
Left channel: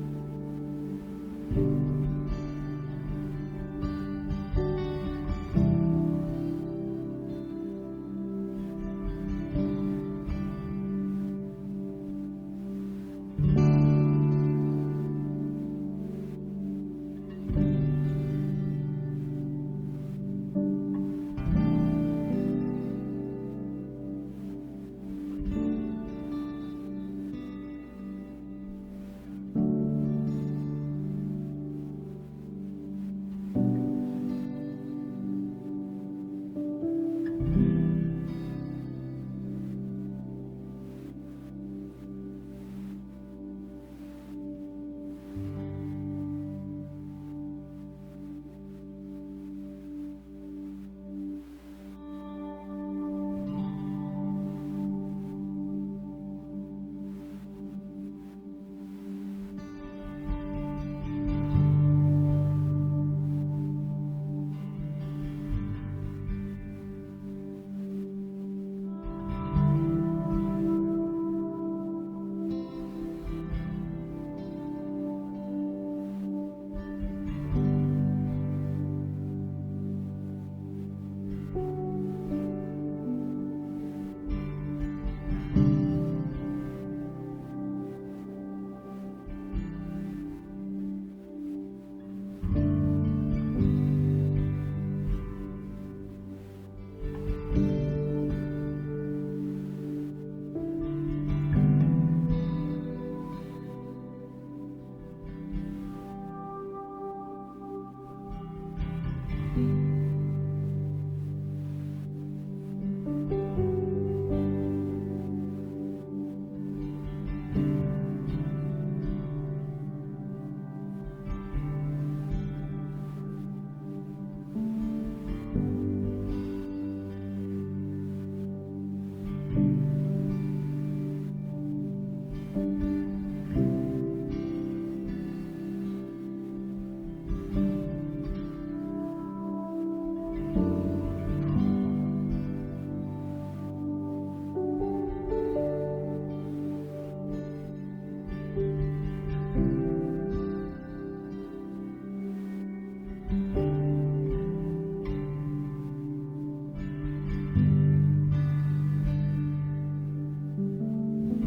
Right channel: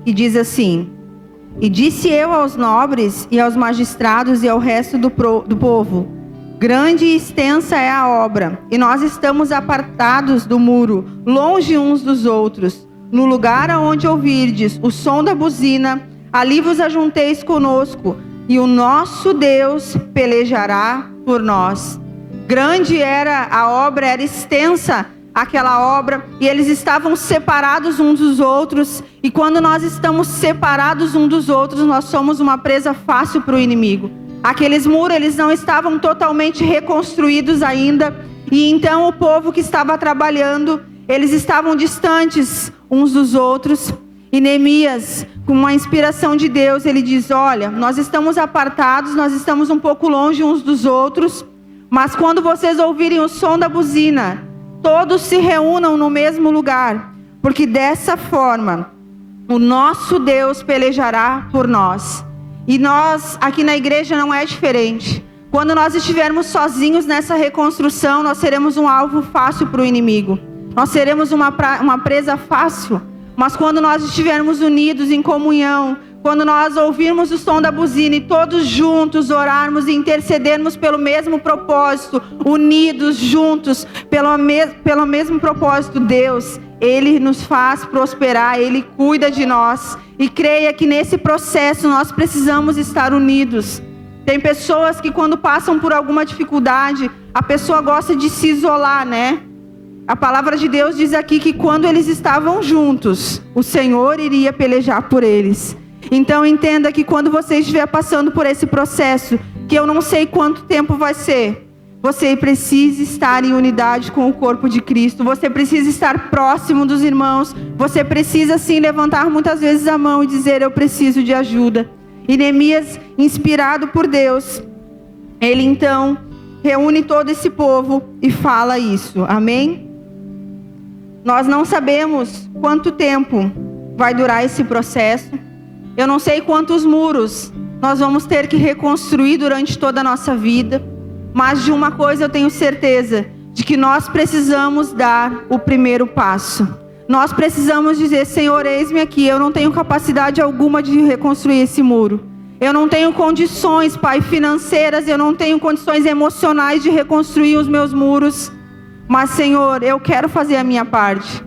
E diz assim: E disse eu aos nobres e aos magistrados e ao resto do povo: grande e extensa é a obra, e nós estamos apartados do muro, longe uns dos outros. No lugar aonde ouvirdes o som da buzina, ali vos ajunteis conosco, e o nosso Deus pelejará por nós. Grande era a obra, era extensa aquela obra, e eles estavam separados uns dos outros. E quando nós estamos separados uns dos outros, nós somos uma presa fácil para o inimigo. Aqueles muros, eles não estavam totalmente reconstruídos ainda, e então o povo que estava trabalhando, eles estavam distantes uns dos outros. E Neemias, com uma inspiração de Deus, ele diz: olha, nós estamos apartados, nós estamos um pouco longe uns dos outros, mas quando vocês ouvirem o som da buzina, todos se reúnam no mesmo lugar, porque dessa forma o nosso Deus pelejará por nós. E nós aqui na igreja não é diferente. Quando nós estivermos sozinhos nessa reconstrução, nós seremos um alvo fácil para o inimigo. Nós seremos uma presa fácil, mas quando nós estivermos unidos em comunhão, quando nós ouvirmos o som da buzina e todos juntos orarmos e intercedermos pelo mesmo propósito, unidos, juntos, pelo mesmo propósito, Deus, Ele nos faz prosperar, Ele cuida de nós. E creia que nesse processo nós precisamos estar unidos. Tem pessoas que quando passam por alguma dificuldade, a pessoa gosta de se isolar, né? A palavra de Deus diz aqui que quando eles estavam juntos, o Senhor iria pelejar por eles. Então entenda que quando você estiver passando por esse processo, que eu não sei quanto tempo vai ser, você precisa estar em unidade com o corpo de Cristo. Você precisa estar próximo dos irmãos. Você precisa sim levantar muitas vezes a mão e dizer: eu preciso de ajuda. E Neemias, inspirado por Deus, ele então reúne todo esse povo e fala isso. Amém? Nós não sabemos quanto tempo vai durar esse processo. Eu não sei quantos muros nós vamos ter que reconstruir durante toda a nossa vida. Mas de uma coisa eu tenho certeza, de que nós precisamos dar o primeiro passo. Nós precisamos dizer: Senhor, eis-me aqui, eu não tenho capacidade alguma de reconstruir esse muro. Eu não tenho condições, Pai, financeiras, eu não tenho condições emocionais de reconstruir os meus muros. Mas, Senhor, eu quero fazer a minha parte.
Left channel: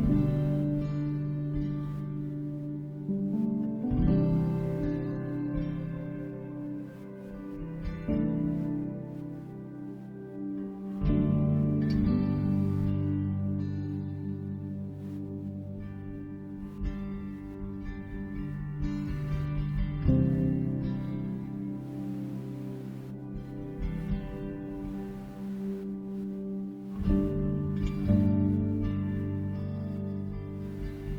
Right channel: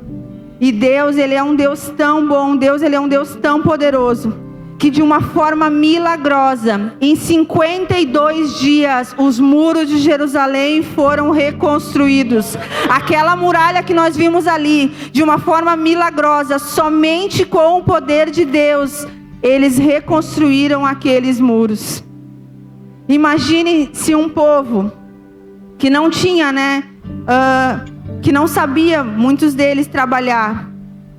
E Deus, Ele é um Deus tão bom, Deus, Ele é um Deus tão poderoso, que de uma forma milagrosa, em 52 dias, os muros de Jerusalém foram reconstruídos. Aquela muralha que nós vimos ali, de uma forma milagrosa, somente com o poder de Deus, eles reconstruíram aqueles muros. Imagine se um povo que não tinha, que não sabia, muitos deles trabalhar.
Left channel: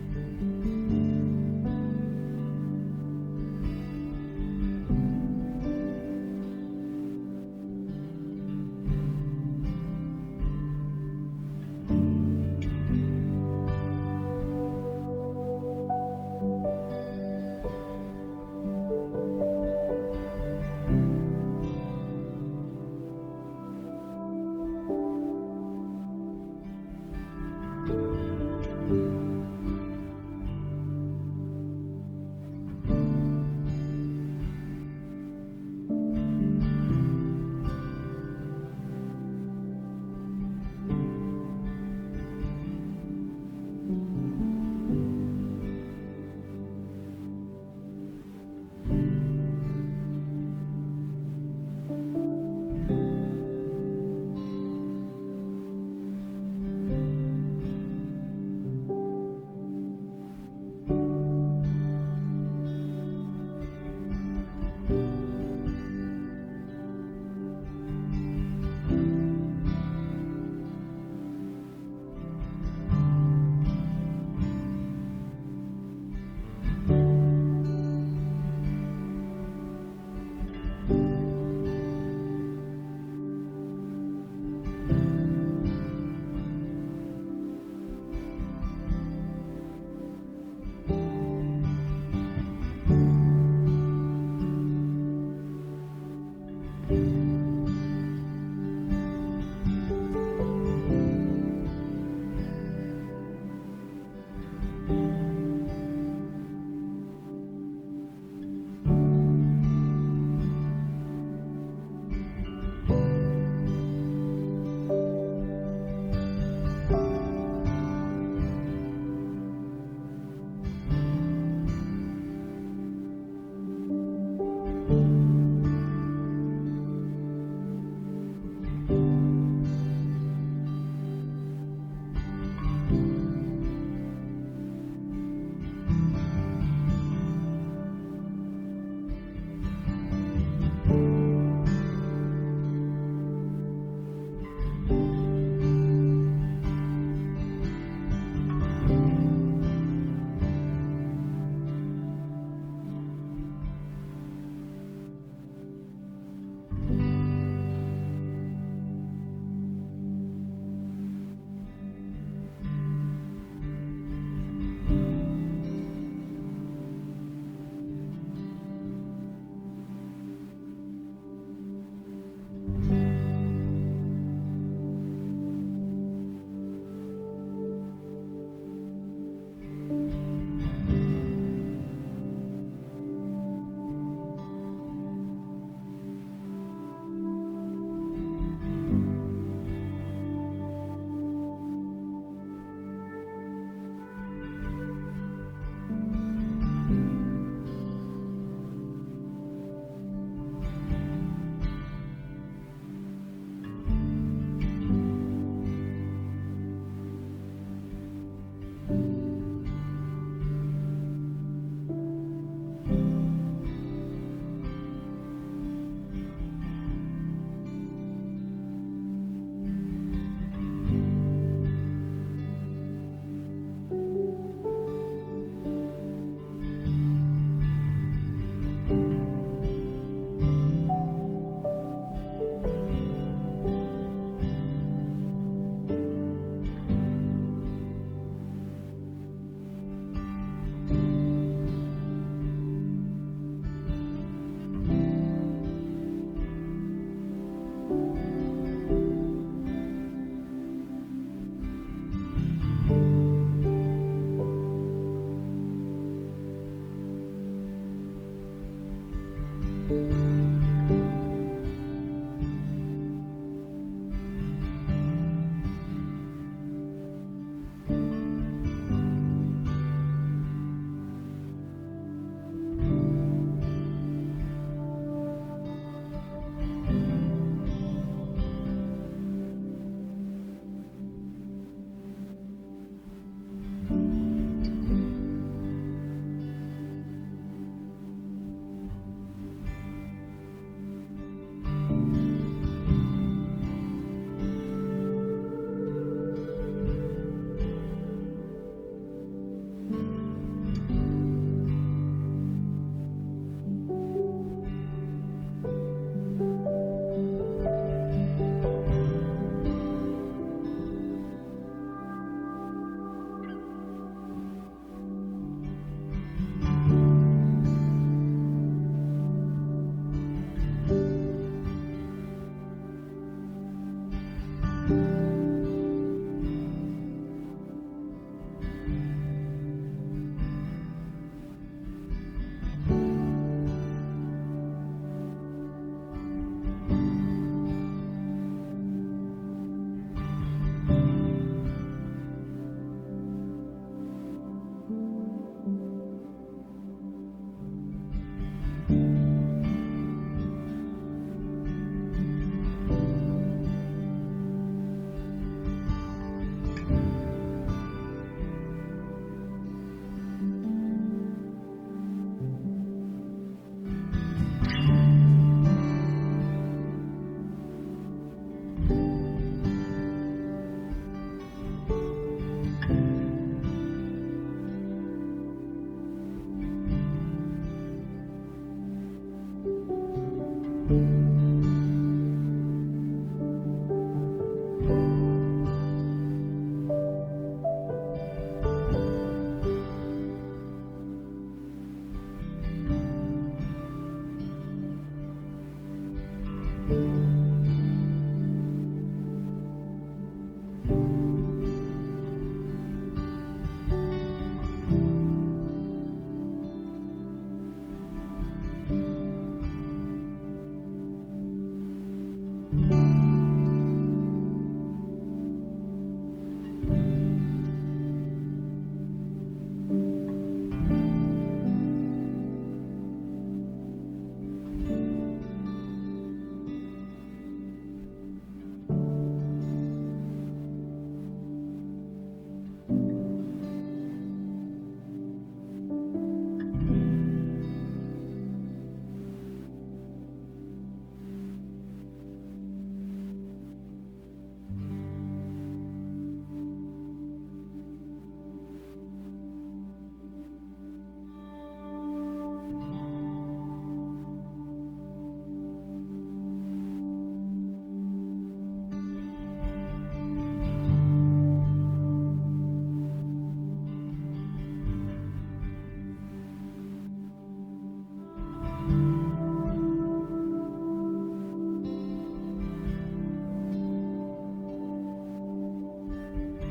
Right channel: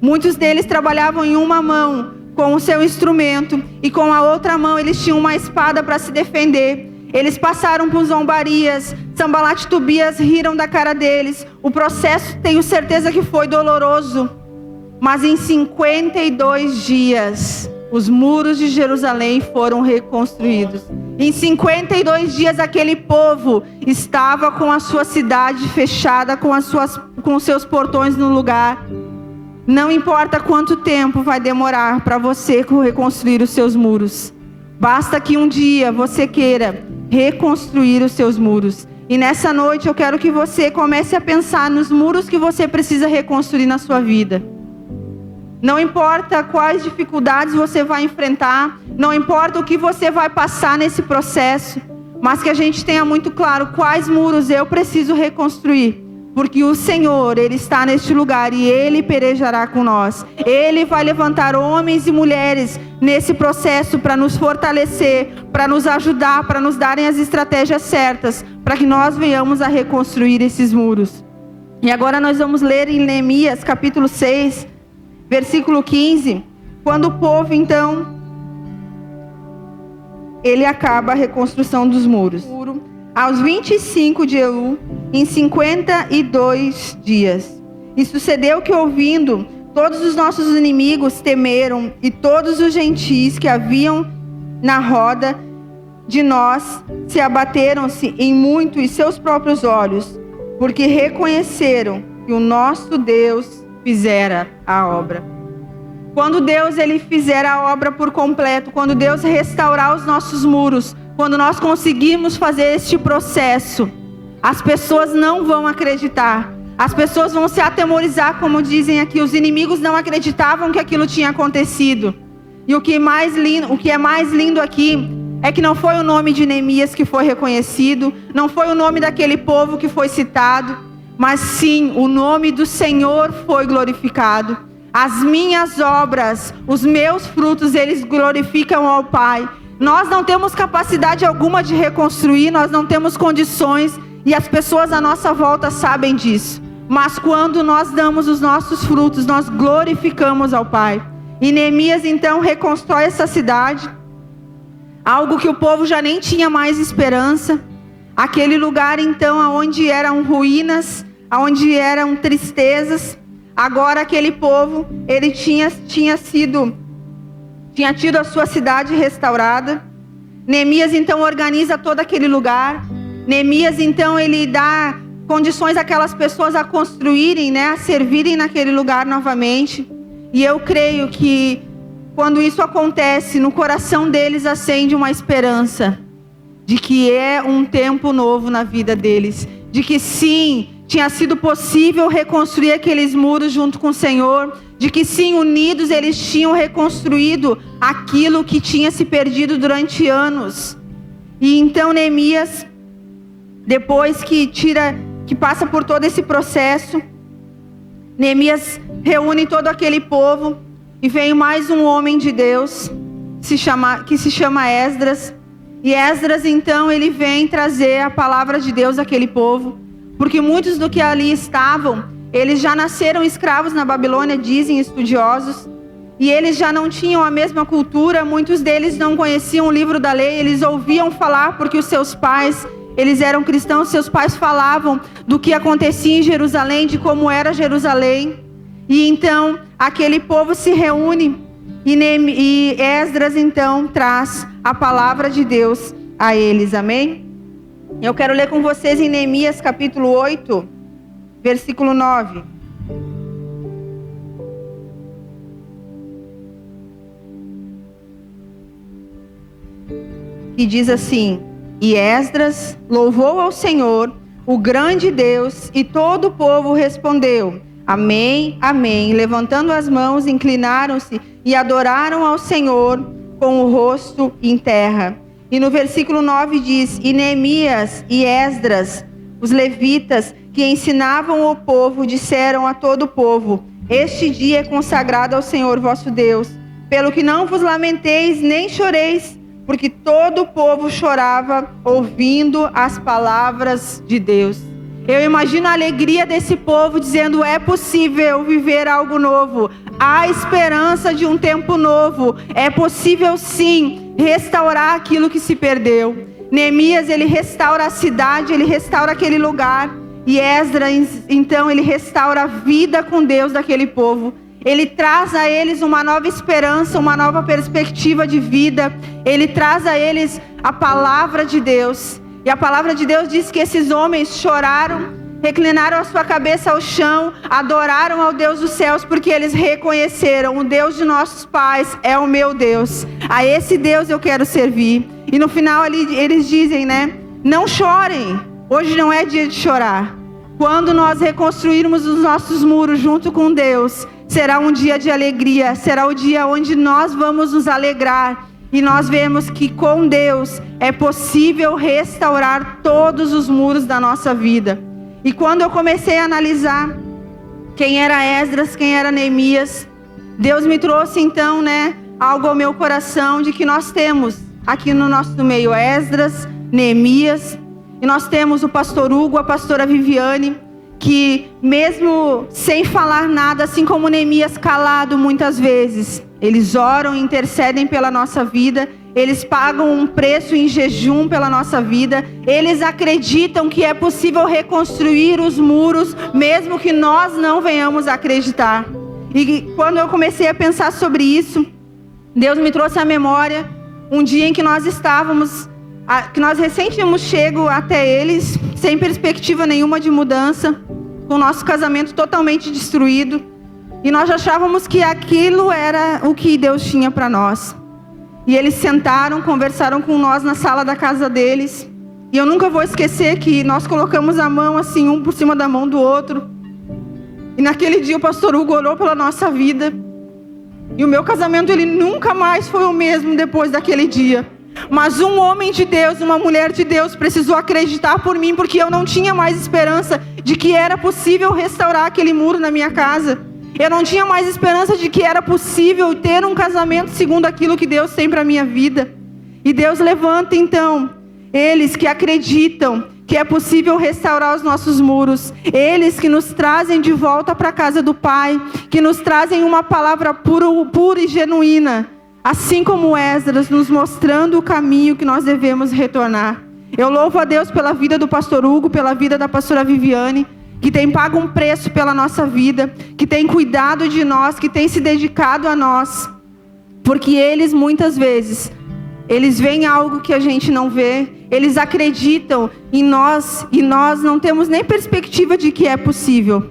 Muitos deles trabalhavam em uma mão com o seu instrumento, e com a outra mão eles tinham uma espada para se defender. Eles passaram por zombarias, Sanbalat e Tobias riram da cara deles. O processo, tenho certeza que foi doloroso, mas em 52 dias, os muros de Jerusalém foram reconstruídos. Em 52 dias, aquele povo estava com a sua cidade fechada, com os seus portões no lugar. Não importa quanto tempo vai demorar para você reconstruir os seus muros. Basta que um dia você queira reconstruir os seus muros. E nessa noite eu quero que você comece a pensar nos muros que você precisa reconstruir na sua vida. Não importa quais dificuldades você vai enfrentar, não importa o que você vai passar nesse processo, mas que a gente tenha muito claro quais muros eu preciso reconstruir. Porque o Senhor, Ele está neste lugar e Ele pelejará com nós. Ele vai levantar homens e mulheres nesse processo para nos fortalecer, para nos ajudar, para nos darem as estratégias certas, para que nós venhamos a reconstruir esses muros. E agora nós vamos ler em Neemias capítulo 6, versículo 15, quando o povo então, ele acaba a reconstrução dos muros. Aos 25 de Elu, em 52 dias. E sucedeu que, ouvindo, todos os nossos inimigos temeram, e todos os gentis que haviam na roda de nós se abateram-se em muito em seus próprios olhos, porque reconheceram que o nosso Deus fizera a obra. Quando Deus ele fizer a obra por completo, quando Deus restaurar os nossos muros, quando nós conseguimos fazer este processo, as pessoas não vão acreditar. As pessoas vão se atemorizar, como dizem aqui. Os inimigos não acreditavam que aquilo tinha acontecido. E o que é mais lindo aqui é que não foi o nome de Neemias que foi reconhecido, não foi o nome daquele povo que foi citado, mas sim o nome do Senhor foi glorificado. As minhas obras, os meus frutos, eles glorificam ao Pai. Nós não temos capacidade alguma de reconstruir, nós não temos condições, e as pessoas à nossa volta sabem disso. Mas quando nós damos os nossos frutos, nós glorificamos ao Pai. E Neemias então reconstrói essa cidade, algo que o povo já nem tinha mais esperança. Aquele lugar então onde eram ruínas, onde eram tristezas, agora aquele povo, ele tinha tido a sua cidade restaurada. Neemias então organiza todo aquele lugar. Neemias então ele dá condições àquelas pessoas a construírem, a servirem naquele lugar novamente. E eu creio que quando isso acontece, no coração deles acende uma esperança de que é um tempo novo na vida deles, de que sim, tinha sido possível reconstruir aqueles muros junto com o Senhor, de que sim, unidos eles tinham reconstruído aquilo que tinha se perdido durante anos. E então Neemias, depois que passa por todo esse processo, Neemias reúne todo aquele povo e vem mais um homem de Deus que se chama Esdras. E Esdras então ele vem trazer a palavra de Deus àquele povo, porque muitos do que ali estavam, eles já nasceram escravos na Babilônia, dizem estudiosos, e eles já não tinham a mesma cultura. Muitos deles não conheciam o livro da lei, eles ouviam falar porque os seus pais, eles eram cristãos, seus pais falavam do que acontecia em Jerusalém, de como era Jerusalém. E então aquele povo se reúne e Esdras então traz a palavra de Deus a eles, amém? Eu quero ler com vocês em Neemias capítulo 8, versículo 9. E diz assim: E Esdras louvou ao Senhor, o grande Deus, e todo o povo respondeu: Amém, amém. Levantando as mãos, inclinaram-se e adoraram ao Senhor com o rosto em terra. E no versículo 9 diz: E Neemias e Esdras, os levitas, que ensinavam o povo, disseram a todo o povo: Este dia é consagrado ao Senhor vosso Deus, pelo que não vos lamenteis nem choreis, porque todo o povo chorava ouvindo as palavras de Deus. Eu imagino a alegria desse povo dizendo: é possível viver algo novo, há esperança de um tempo novo, é possível sim restaurar aquilo que se perdeu. Neemias, ele restaura a cidade, ele restaura aquele lugar, e Esdras, então, ele restaura a vida com Deus daquele povo. Ele traz a eles uma nova esperança, uma nova perspectiva de vida. Ele traz a eles a palavra de Deus. E a palavra de Deus diz que esses homens choraram, reclinaram a sua cabeça ao chão, adoraram ao Deus dos céus, porque eles reconheceram: o Deus de nossos pais é o meu Deus, a esse Deus eu quero servir. E no final ali eles dizem, né? Não chorem, hoje não é dia de chorar. Quando nós reconstruirmos os nossos muros junto com Deus, será um dia de alegria, será o dia onde nós vamos nos alegrar. E nós vemos que com Deus é possível restaurar todos os muros da nossa vida. E quando eu comecei a analisar quem era Esdras, quem era Neemias, Deus me trouxe então, né, algo ao meu coração de que nós temos aqui no nosso meio Esdras, Neemias, e nós temos o pastor Hugo, a pastora Viviane, que mesmo sem falar nada, assim como Neemias calado muitas vezes, eles oram e intercedem pela nossa vida, eles pagam um preço em jejum pela nossa vida, eles acreditam que é possível reconstruir os muros, mesmo que nós não venhamos a acreditar. E quando eu comecei a pensar sobre isso, Deus me trouxe à memória um dia em que nós estávamos, que nós recém tínhamos chego até eles, sem perspectiva nenhuma de mudança, com o nosso casamento totalmente destruído. E nós achávamos que aquilo era o que Deus tinha para nós. E eles sentaram, conversaram com nós na sala da casa deles. E eu nunca vou esquecer que nós colocamos a mão assim, um por cima da mão do outro. E naquele dia o pastor Hugo orou pela nossa vida. E o meu casamento, ele nunca mais foi o mesmo depois daquele dia. Mas um homem de Deus, uma mulher de Deus precisou acreditar por mim, porque eu não tinha mais esperança de que era possível restaurar aquele muro na minha casa. Eu não tinha mais esperança de que era possível ter um casamento segundo aquilo que Deus tem para a minha vida. E Deus levanta então eles que acreditam que é possível restaurar os nossos muros. Eles que nos trazem de volta para a casa do Pai, que nos trazem uma palavra pura e genuína, assim como Esdras, nos mostrando o caminho que nós devemos retornar. Eu louvo a Deus pela vida do pastor Hugo, pela vida da pastora Viviane, que tem pago um preço pela nossa vida, que tem cuidado de nós, que tem se dedicado a nós, porque eles muitas vezes, eles veem algo que a gente não vê, eles acreditam em nós, e nós não temos nem perspectiva de que é possível,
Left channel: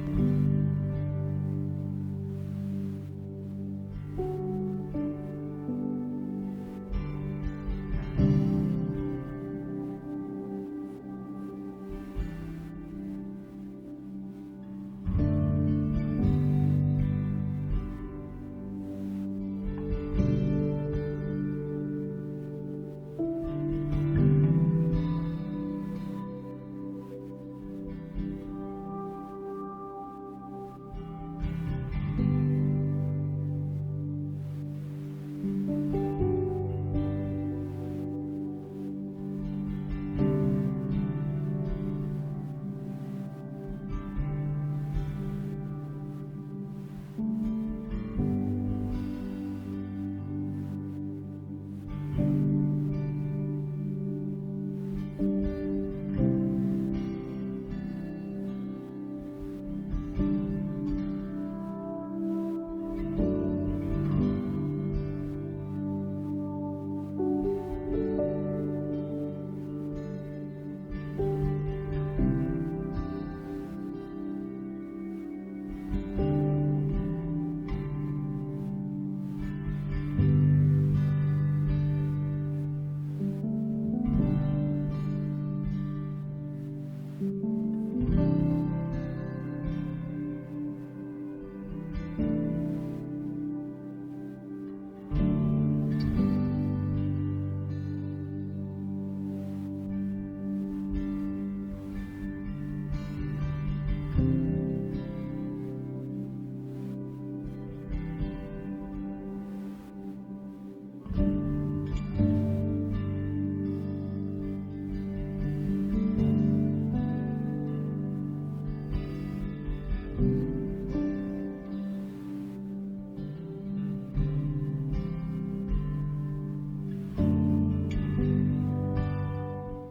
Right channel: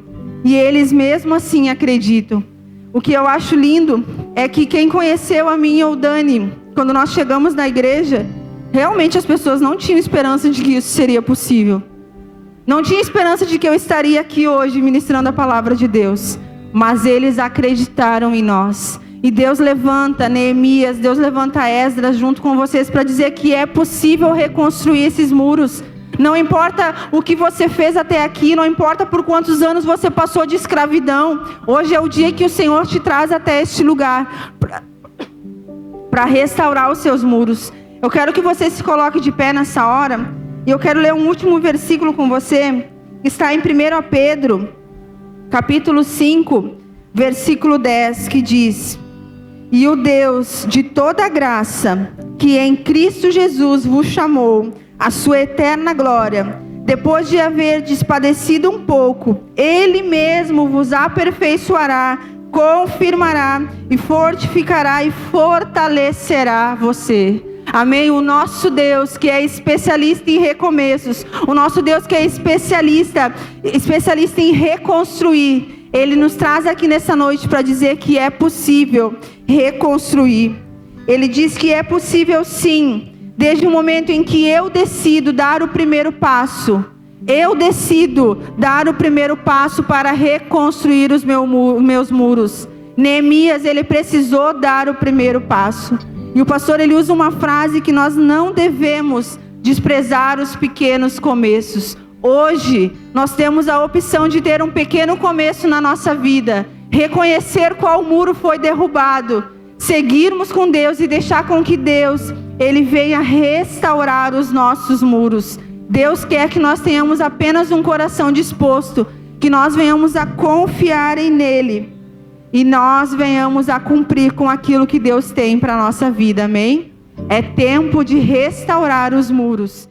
e eles mesmo assim acreditam. o que eu acho lindo é que quem conheceu a mim ou o Dani, quando nós chegamos na igreja, realmente as pessoas não tinham esperança de que isso seria possível. Não tinha esperança de que eu estaria aqui hoje ministrando a palavra de Deus. Mas eles acreditaram em nós. E Deus levanta Neemias, Deus levanta Esdras junto com vocês para dizer que é possível reconstruir esses muros. Não importa o que você fez até aqui, não importa por quantos anos você passou de escravidão. Hoje é o dia que o Senhor te traz até este lugar para restaurar os seus muros. Eu quero que você se coloque de pé nessa hora. E eu quero ler um último versículo com você, que está em 1 Pedro, capítulo 5, versículo 10, que diz: E o Deus de toda graça, que em Cristo Jesus vos chamou a sua eterna glória, depois de haver padecido um pouco, Ele mesmo vos aperfeiçoará, confirmará e fortificará e fortalecerá você. Amém? O nosso Deus que é especialista em recomeços, o nosso Deus que é especialista em reconstruir, Ele nos traz aqui nessa noite para dizer que é possível reconstruir. Ele diz que é possível sim, desde o momento em que eu decido dar o primeiro passo. Eu decido dar o primeiro passo para reconstruir os meus muros. Neemias, ele precisou dar o primeiro passo. E o pastor, ele usa uma frase que nós não devemos desprezar os pequenos começos. Hoje, nós temos a opção de ter um pequeno começo na nossa vida. Reconhecer qual muro foi derrubado. Seguirmos com Deus e deixar com que Deus, Ele venha restaurar os nossos muros. Deus quer que nós tenhamos apenas um coração disposto, que nós venhamos a confiar nele e nós venhamos a cumprir com aquilo que Deus tem para a nossa vida, amém? É tempo de restaurar os muros.